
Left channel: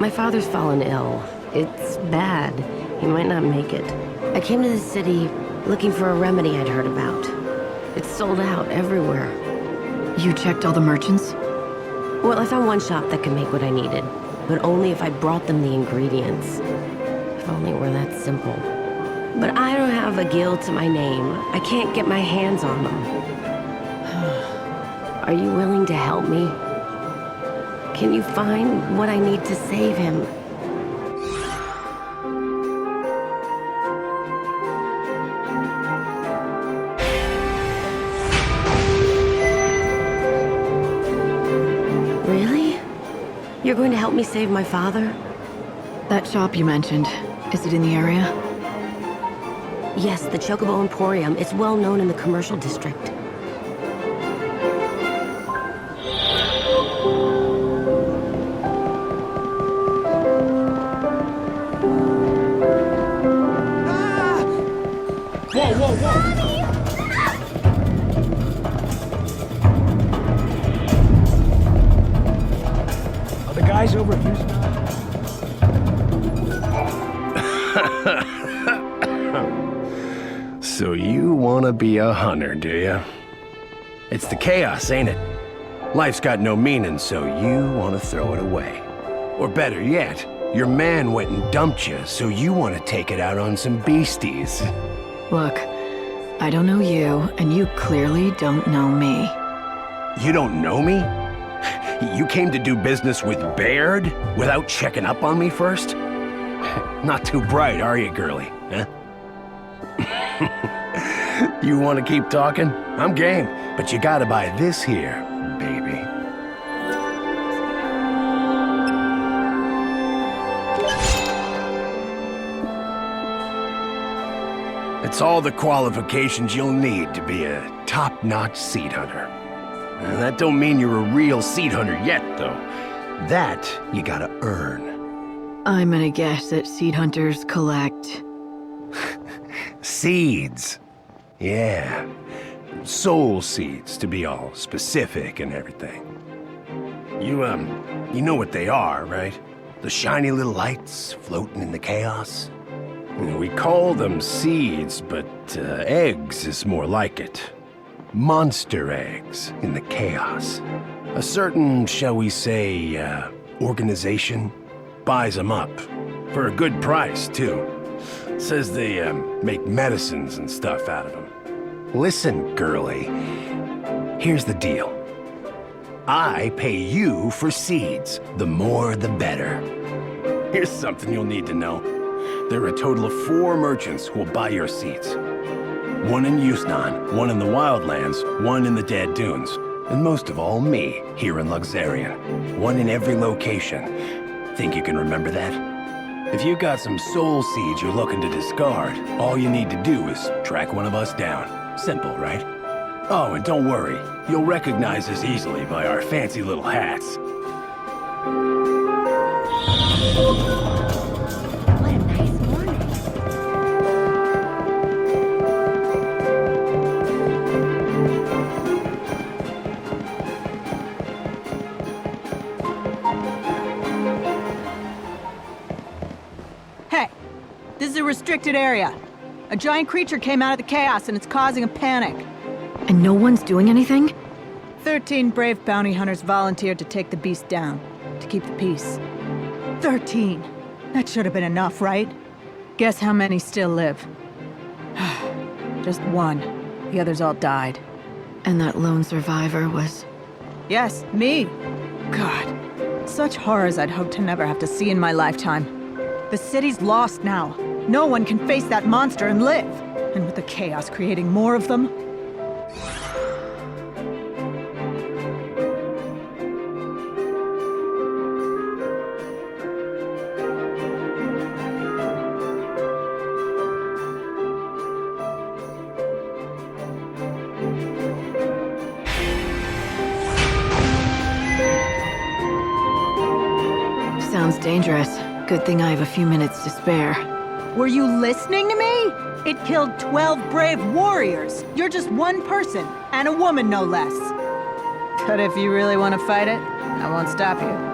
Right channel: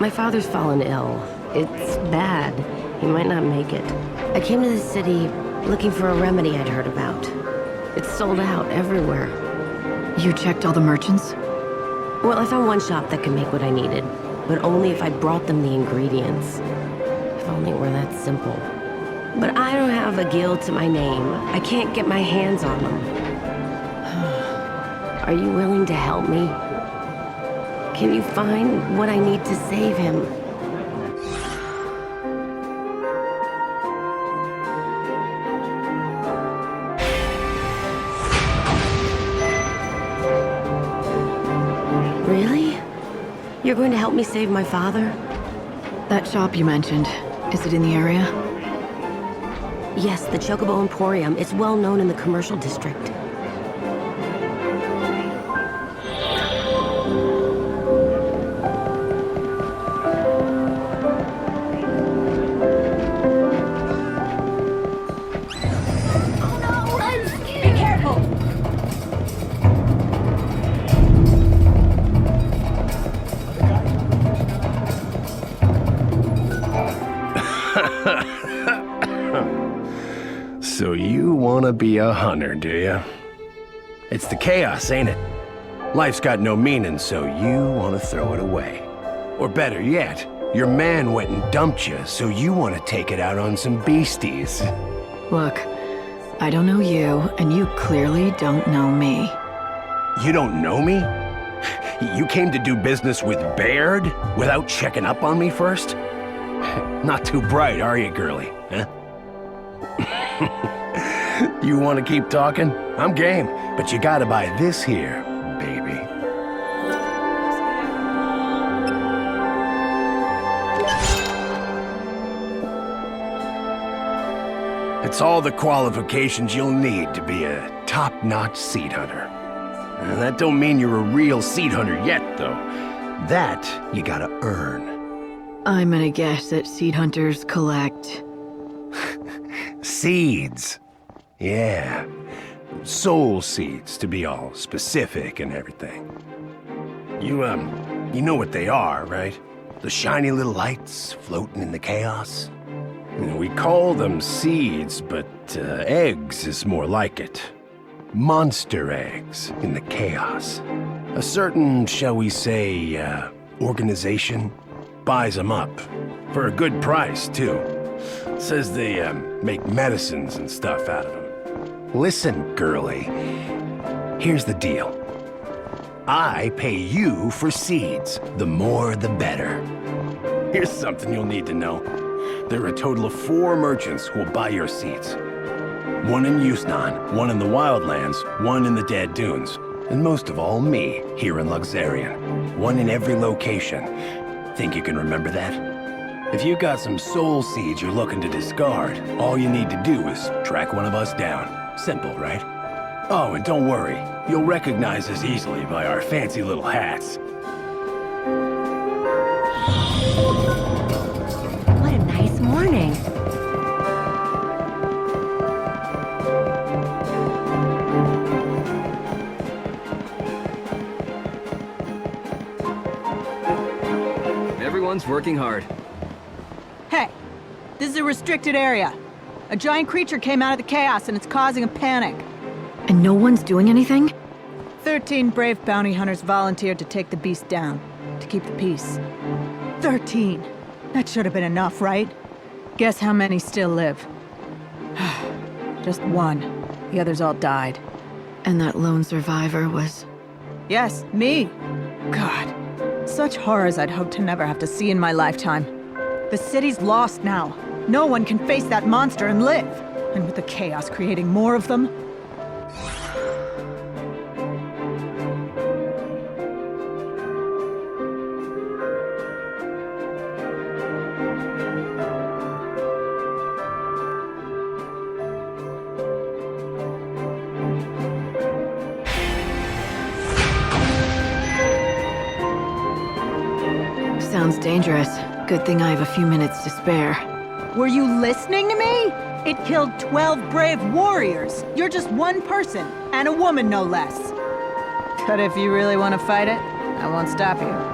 My father's fallen ill. It's bad. He might not make it. I came to the city looking for a remedy I'd heard about. It's sold out everywhere. You checked all the merchants? Well, I found one shop that could make what I needed, but only if I brought them the ingredients. If only it were that simple. But I don't have a guild to my name. I can't get my hands on them. Are you willing to help me? Can you find what I need to save him? Really? You're going to help me save my father? That shop you mentioned, is it in the area? Yes, the Chocobo Emporium. It's well known in the commercial district. So you want to be a hunter, do you? It's the chaos, ain't it? Life's got no meaning, so you want to throw it away. Or better yet, your man went and dumped you, so you want to take it out on some beasties. Look, I don't know you, and you clearly don't know me. You don't know me? You came to do business with Baird without checking up on me first? Not too bright, are you, girlie? Huh? You want to keep talking? I'm game, but you gotta buy this here, baby. It's all the qualifications you'll need to be a top-notch seed hunter. And that don't mean you're a real seed hunter yet, though. That you gotta earn. I'm gonna guess that seed hunters collect... Seeds. Yeah. Soul seeds, to be all specific and everything. You know what they are, right? The shiny little lights floating in the chaos. We call them seeds, but eggs is more like it. Monster eggs in the chaos. A certain, shall we say, organization buys them up. For a good price, too. Says they make medicines and stuff out of them. Listen, girlie. Here's the deal. I pay you for seeds. The more, the better. Here's something you'll need to know. There are a total of 4 merchants who will buy your seeds. 1 in Yusnan, 1 in the Wildlands, 1 in the Dead Dunes, and most of all, me, here in Luxerion. 1 in every location. Think you can remember that? If you got some soul seeds you're looking to discard, all you need to do is track one of us down. Simple, right? Oh, and don't worry. You'll recognize us easily by our fancy little hats. What a nice morning. Everyone's working hard. Hey, this is a restricted area. A giant creature came out of the chaos and it's causing a panic. And no one's doing anything? 13 brave bounty hunters volunteered to take the beast down, to keep the peace. 13. That should have been enough, right? Guess how many still live? Just 1. The others all died. And that lone survivor was... Yes, me. God, such horrors I'd hoped to never have to see in my lifetime. The city's lost now. No one can face that monster and live. And with the chaos creating more of them... Sounds dangerous. Good thing I have a few minutes to spare. Were you listening to me? It killed 12 brave warriors. You're just 1 person, and a woman no less. But if you really want to fight it, I won't stop you.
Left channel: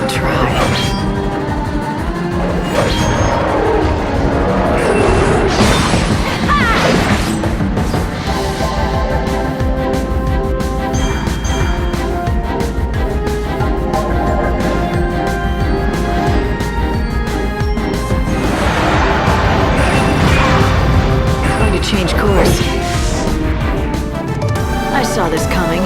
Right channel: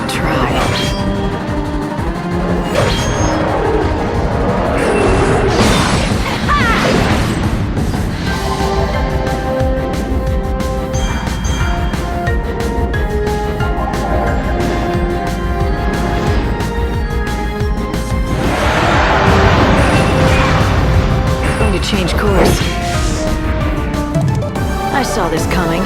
could try. Going to change course. I saw this coming.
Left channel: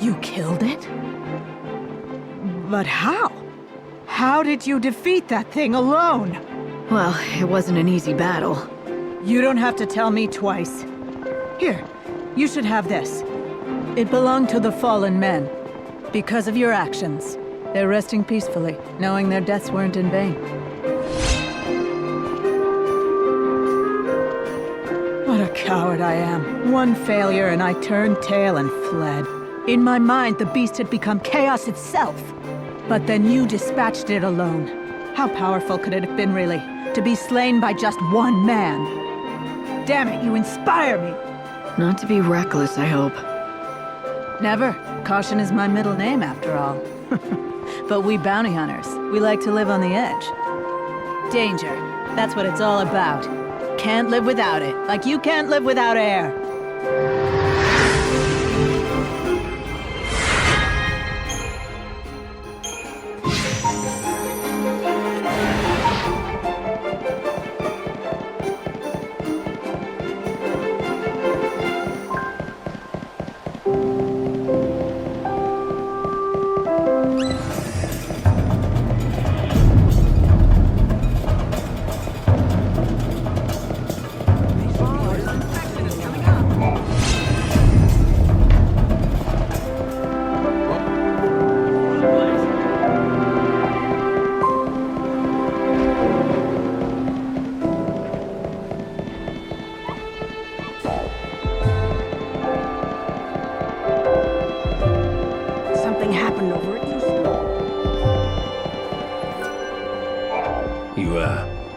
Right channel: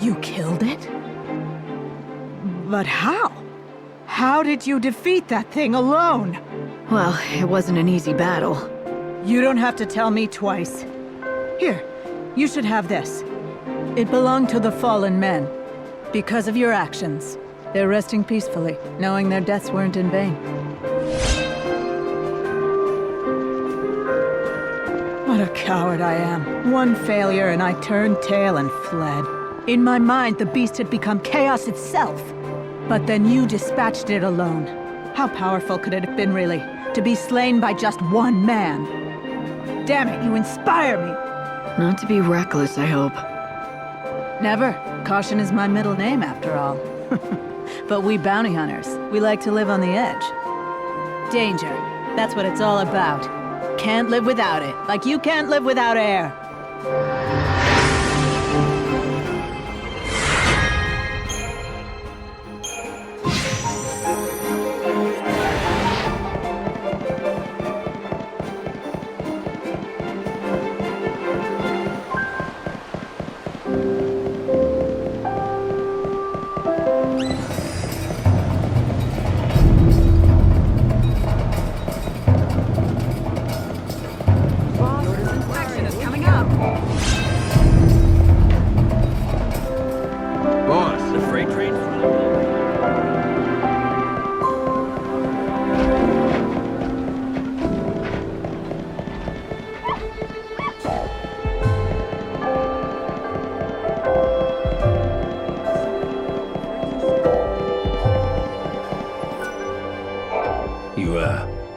You killed it? But how? How did you defeat that thing alone? Well, it wasn't an easy battle. You don't have to tell me twice. Here, you should have this. It belonged to the fallen men. Because of your actions, they're resting peacefully, knowing their deaths weren't in vain. What a coward I am. One failure and I turned tail and fled. In my mind, the beast had become chaos itself. But then you dispatched it alone. How powerful could it have been, really, to be slain by just one man? Damn it, you inspire me! Not to be reckless, I hope. Never. Caution is my middle name, after all. But we bounty hunters, we like to live on the edge. Danger. That's what it's all about. Can't live without it, like you can't live without air.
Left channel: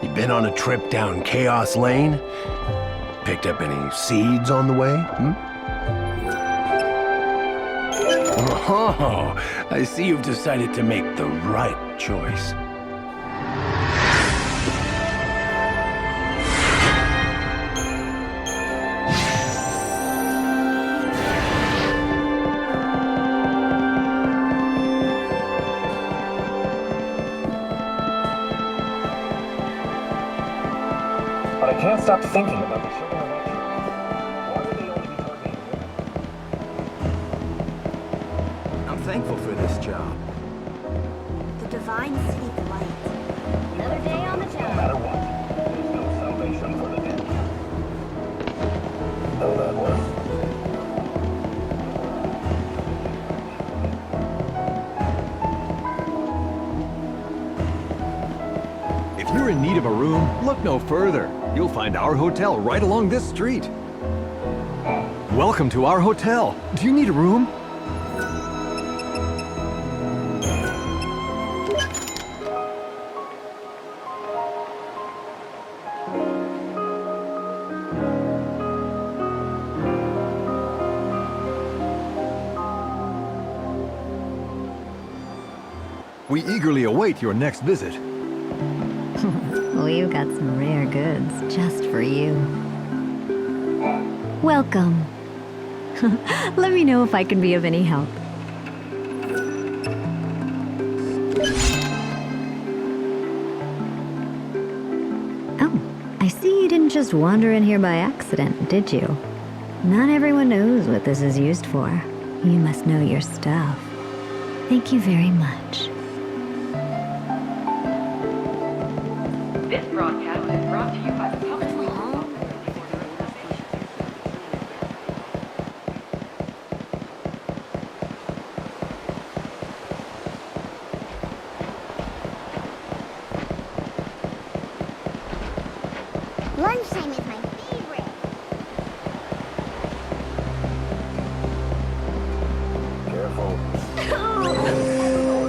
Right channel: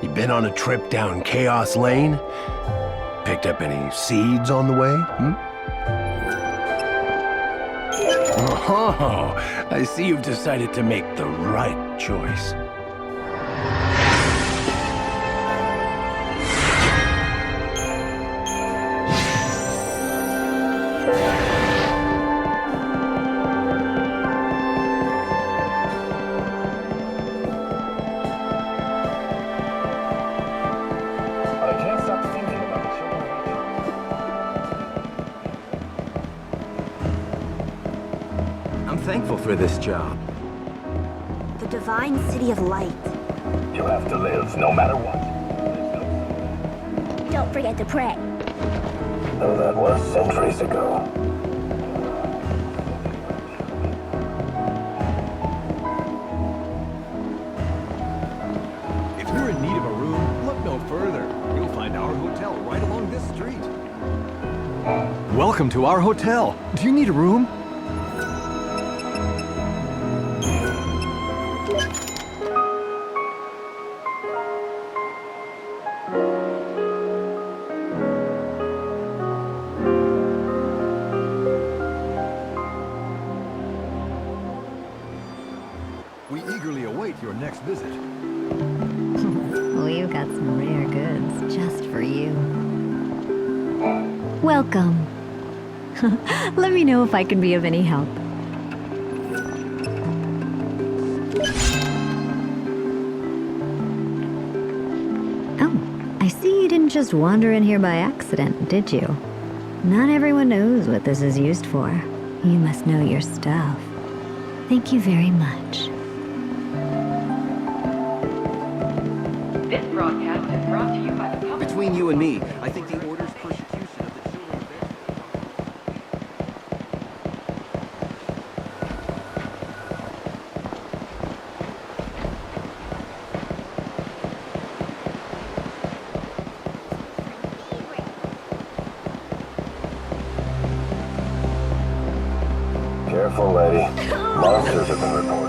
You been on a trip down Chaos Lane? Picked up any seeds on the way, Oh, I see you've decided to make the right choice. I can't stop thinking about the children of Atro. I'm thankful for this job. The divine city of light. You have to live no matter what. There's no salvation for the dead. Don't forget to pray. Though that was centuries ago. If you're in need of a room, look no further. You'll find our hotel right along this street. Welcome to our hotel. Do you need a room? We eagerly await your next visit. We've got some rare goods just for you. Welcome. Let me know if I can be of any help. Oh, I see you didn't just wander in here by accident, did you? Not everyone knows what this is used for. You must know your stuff. Thank you very much. This broadcast is brought to you by the public. Between you and me, I think the order's persecution of the children. careful, lady. Long physical report.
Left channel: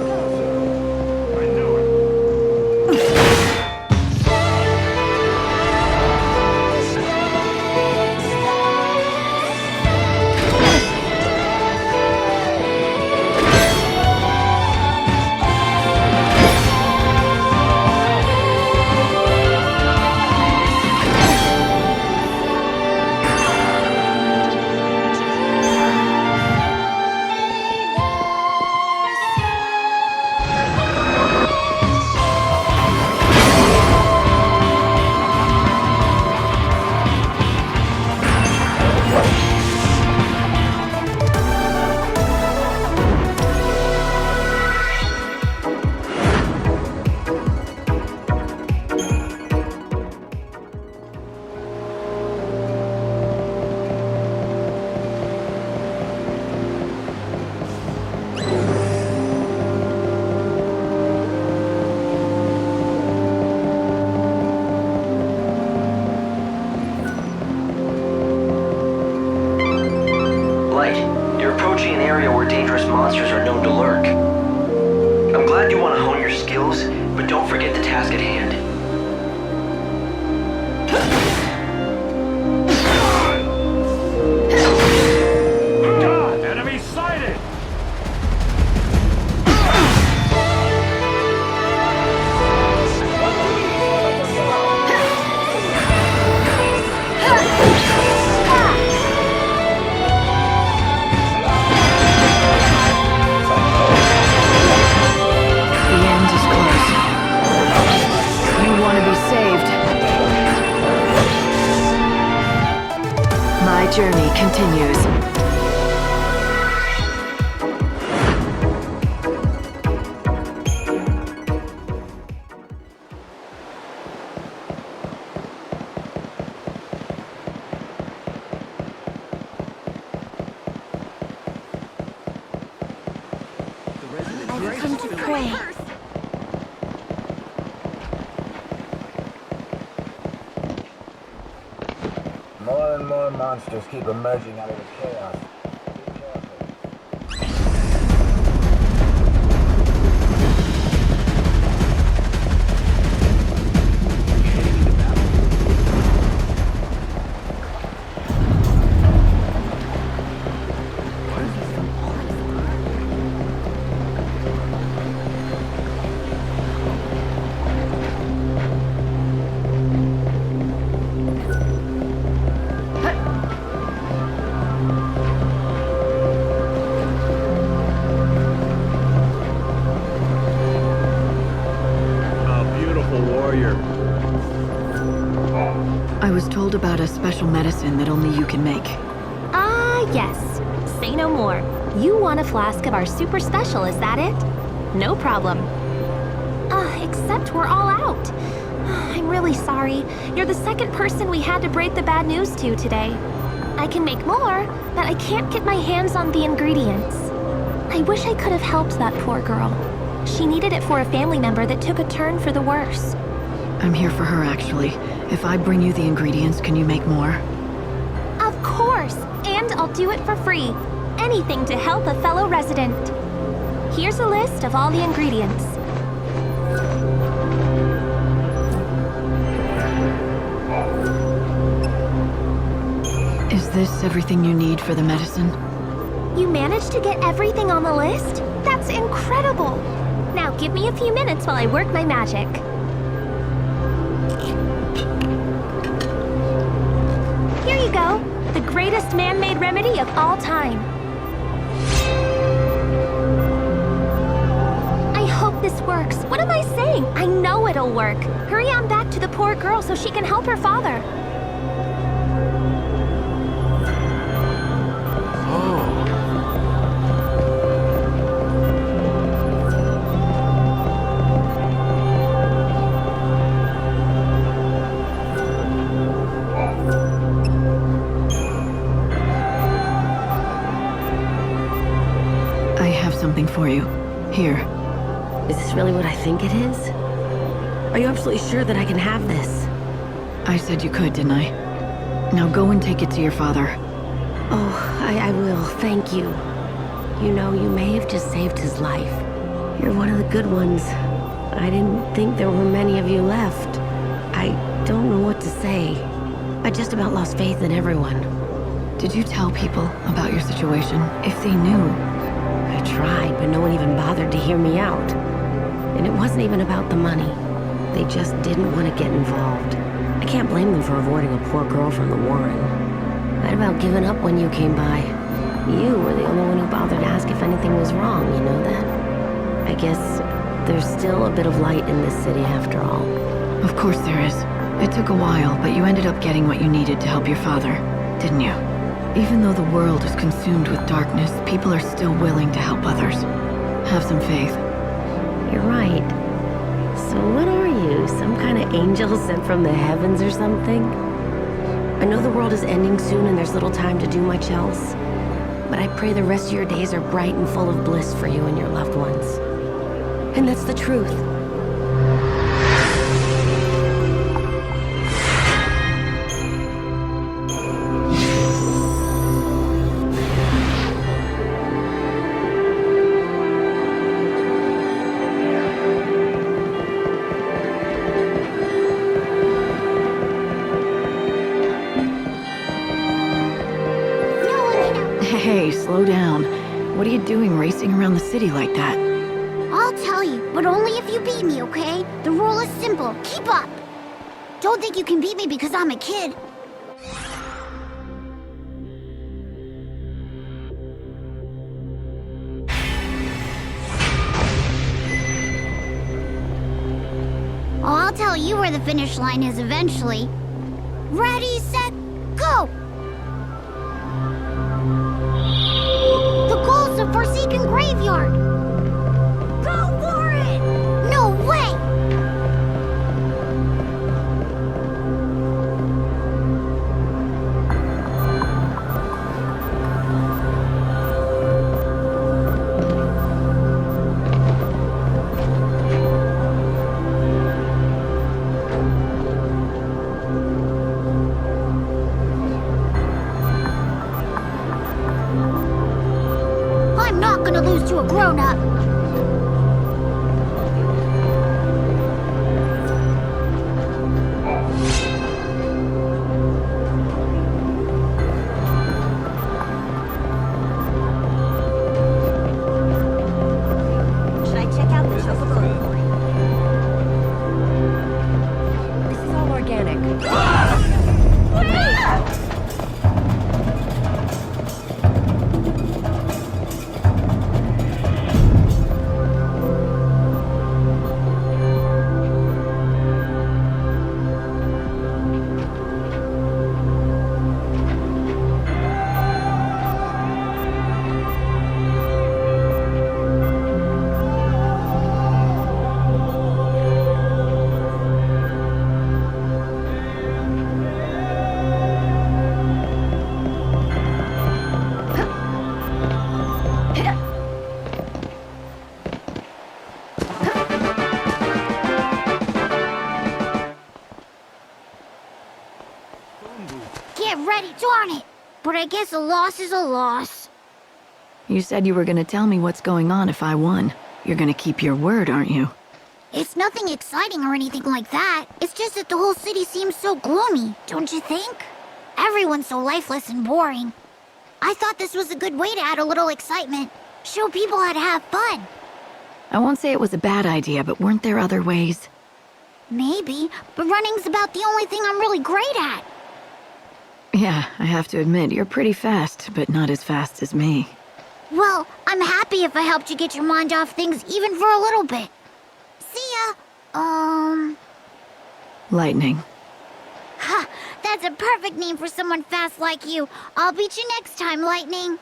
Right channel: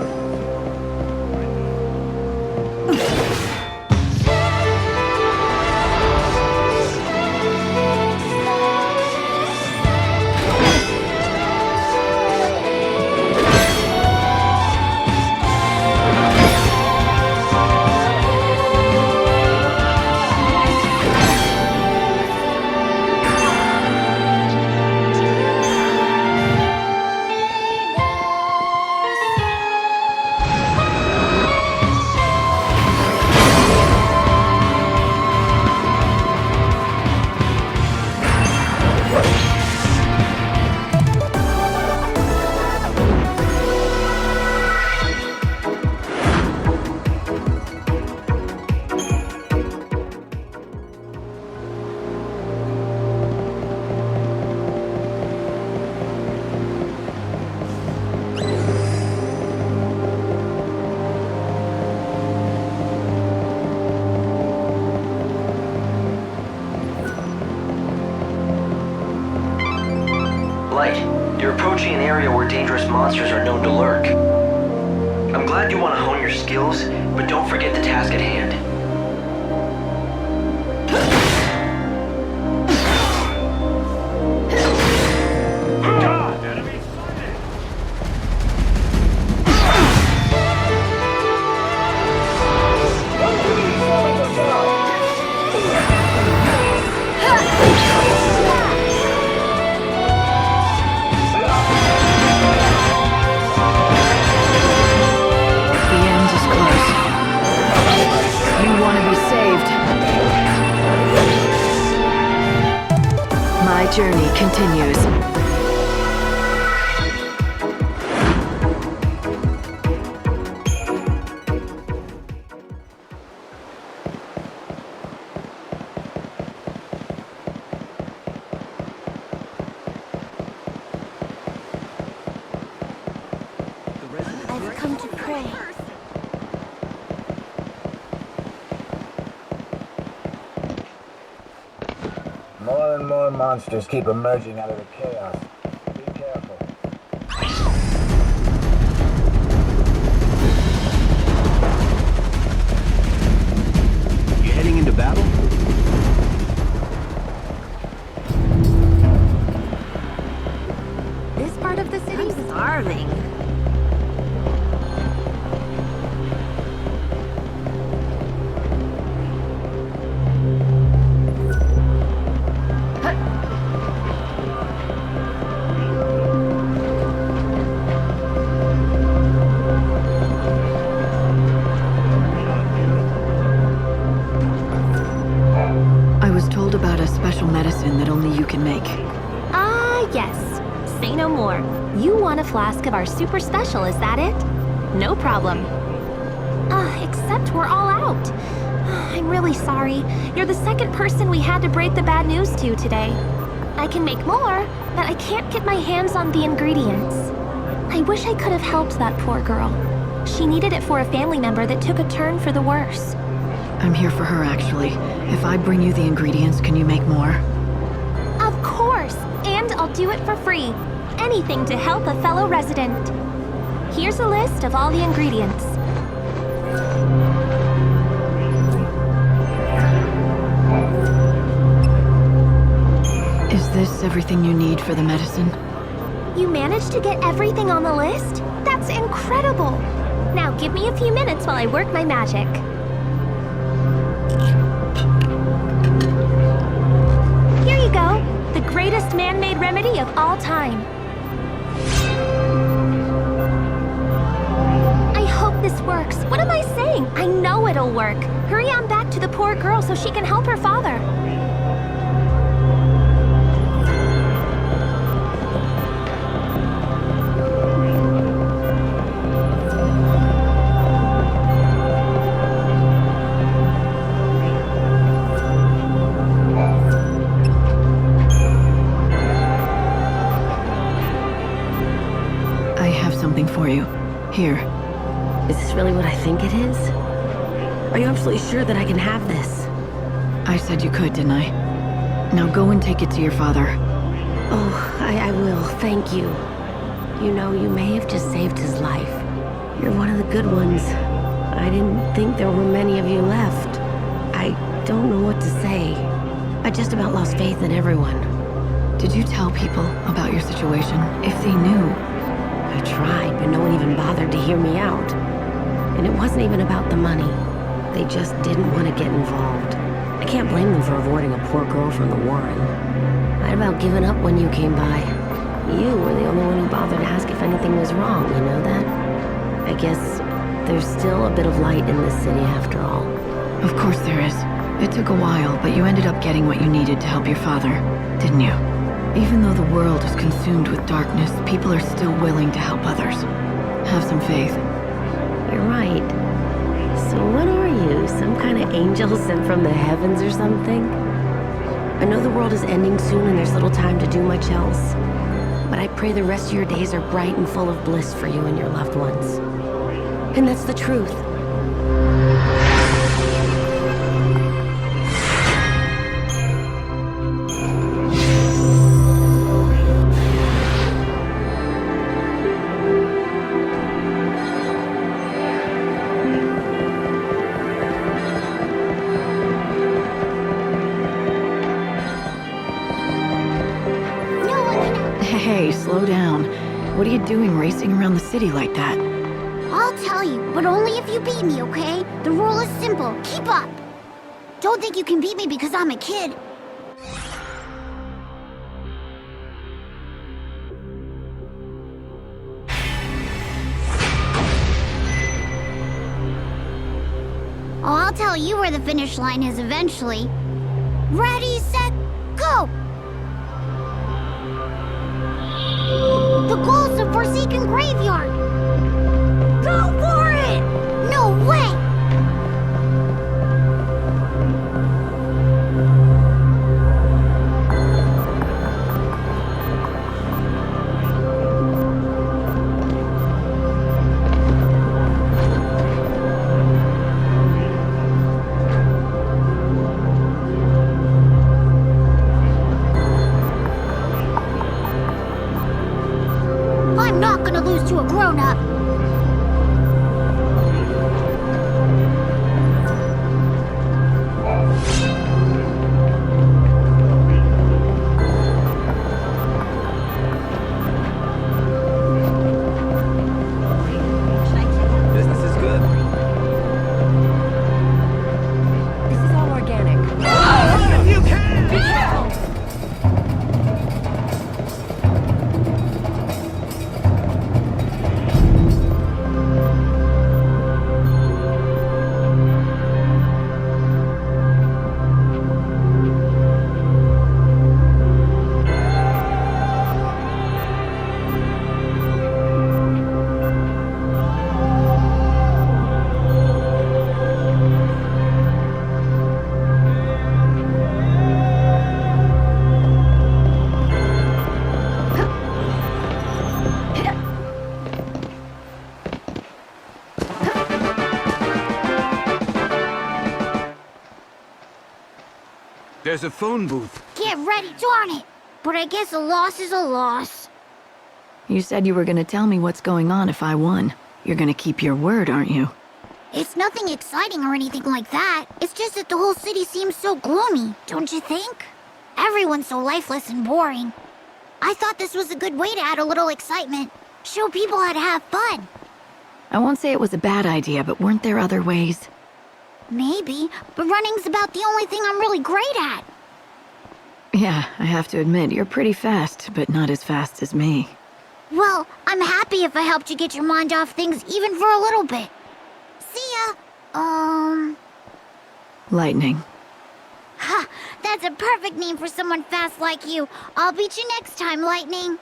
Light, you're approaching an area where dangerous monsters are known to lurk. I'm glad you want to hone your skills, but don't forget the task at hand. God, enemy sighted! My journey continues. I've come to pray. More and more monsters keep emerging out of the chaos. Be careful. You heading into battle? This part of the city is starving. I was told about a special medicine that only you can make. Ah, yes. Say no more. You want a flask of our super special, is that it? No problem. Except we're all out. I'm really sorry. You're the second person we had to break the bad news to today. I can make more, but I can't get my hands on the ingredients. I wish I could have helped that poor girl. She needed it for a family member that took a turn for the worse. I'm here for her, actually. If I bring you the ingredients, can you make more? Of course! And I'll do it for free. Anything to help a fellow resident. Here's a list of all the ingredients. Is this everything you need for the medicine? You managed to get everything on the list? That's incredible! Now give me a few minutes while I work my magic. Here you go. The greatest man-made remedy of all time. I hope this works. What am I saying? I know it'll work. Hurry on back to the poor girl so she can help her father. I have something for you. Here. Is this really what I think it is? Are you absolutely sure that I can have this? I said you could, didn't I? Now go and take it to your father. Oh, I will. Thank you. You know, you may have just saved his life. You're one of the good ones. I didn't think there were many of you left. I don't know what to say. I just about lost faith in everyone. Did you tell people about your situation, if they knew? I tried, but no one even bothered to hear me out. And it wasn't even about the money. They just didn't want to get involved. I can't blame them for avoiding a poor girl from the Warren. I'd about given up when you came by. You were the only one who bothered to ask if anything was wrong, you know that? I guess there's still a bit of light in this city after all. Of course there is. It took a while, but you ended up getting what you needed to help your father, didn't you? Even though the world is consumed with darkness, people are still willing to help others. Have some faith. You're right. So what are you? Some kind of angel sent from the heavens or something? I know the world is ending soon and there's little time to do much else. But I pray the rest of your days are bright and full of bliss for you and your loved ones. And that's the truth. Hey, slow down. What are you doing racing around the city like that? I'll tell you, but only if you beat me, okay? The rule is simple. Keep up. Don't think you can beat me because I'm a kid. Oh, I'll tell you where the finish line is eventually. Ready, set, go! The goal's the Forsaken Graveyard! Go for it! No way! I'm not gonna lose to a grown-up. Should I check out this? Business is good. This is all organic. There's a phone booth. Get ready, darn it! But I guess a loss is a loss. You said you were gonna tell me what's going on if I won. You're gonna keep your word, aren't you? It's nothing exciting or anything like that. It's just that the whole city seems so gloomy, don't you think? Everyone's so lifeless and boring. I thought this was a good way to add a little excitement. Show people how to have fun. I won't say it was a bad idea, but weren't there other ways? Maybe, but running's about the only thing I'm really great at. Yeah, I have to admit, you're pretty fast, but not as fast as me. Well, I'm happy if I helped you get your mind off things even for a little bit. See ya. Lightning. Ha! That's a perfect name for someone fast like you. I'll beat you next time, Lightning.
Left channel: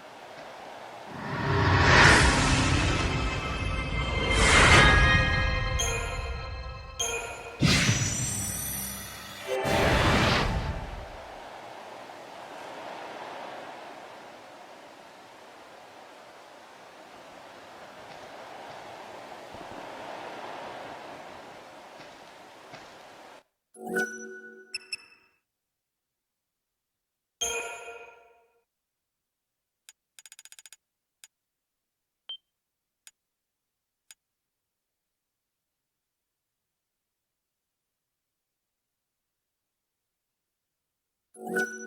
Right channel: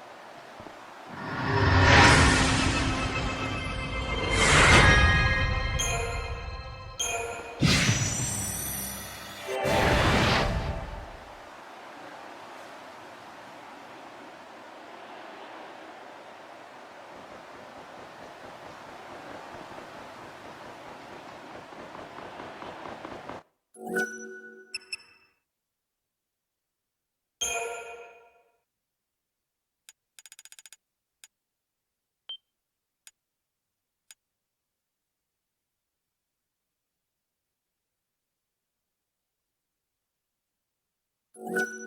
you.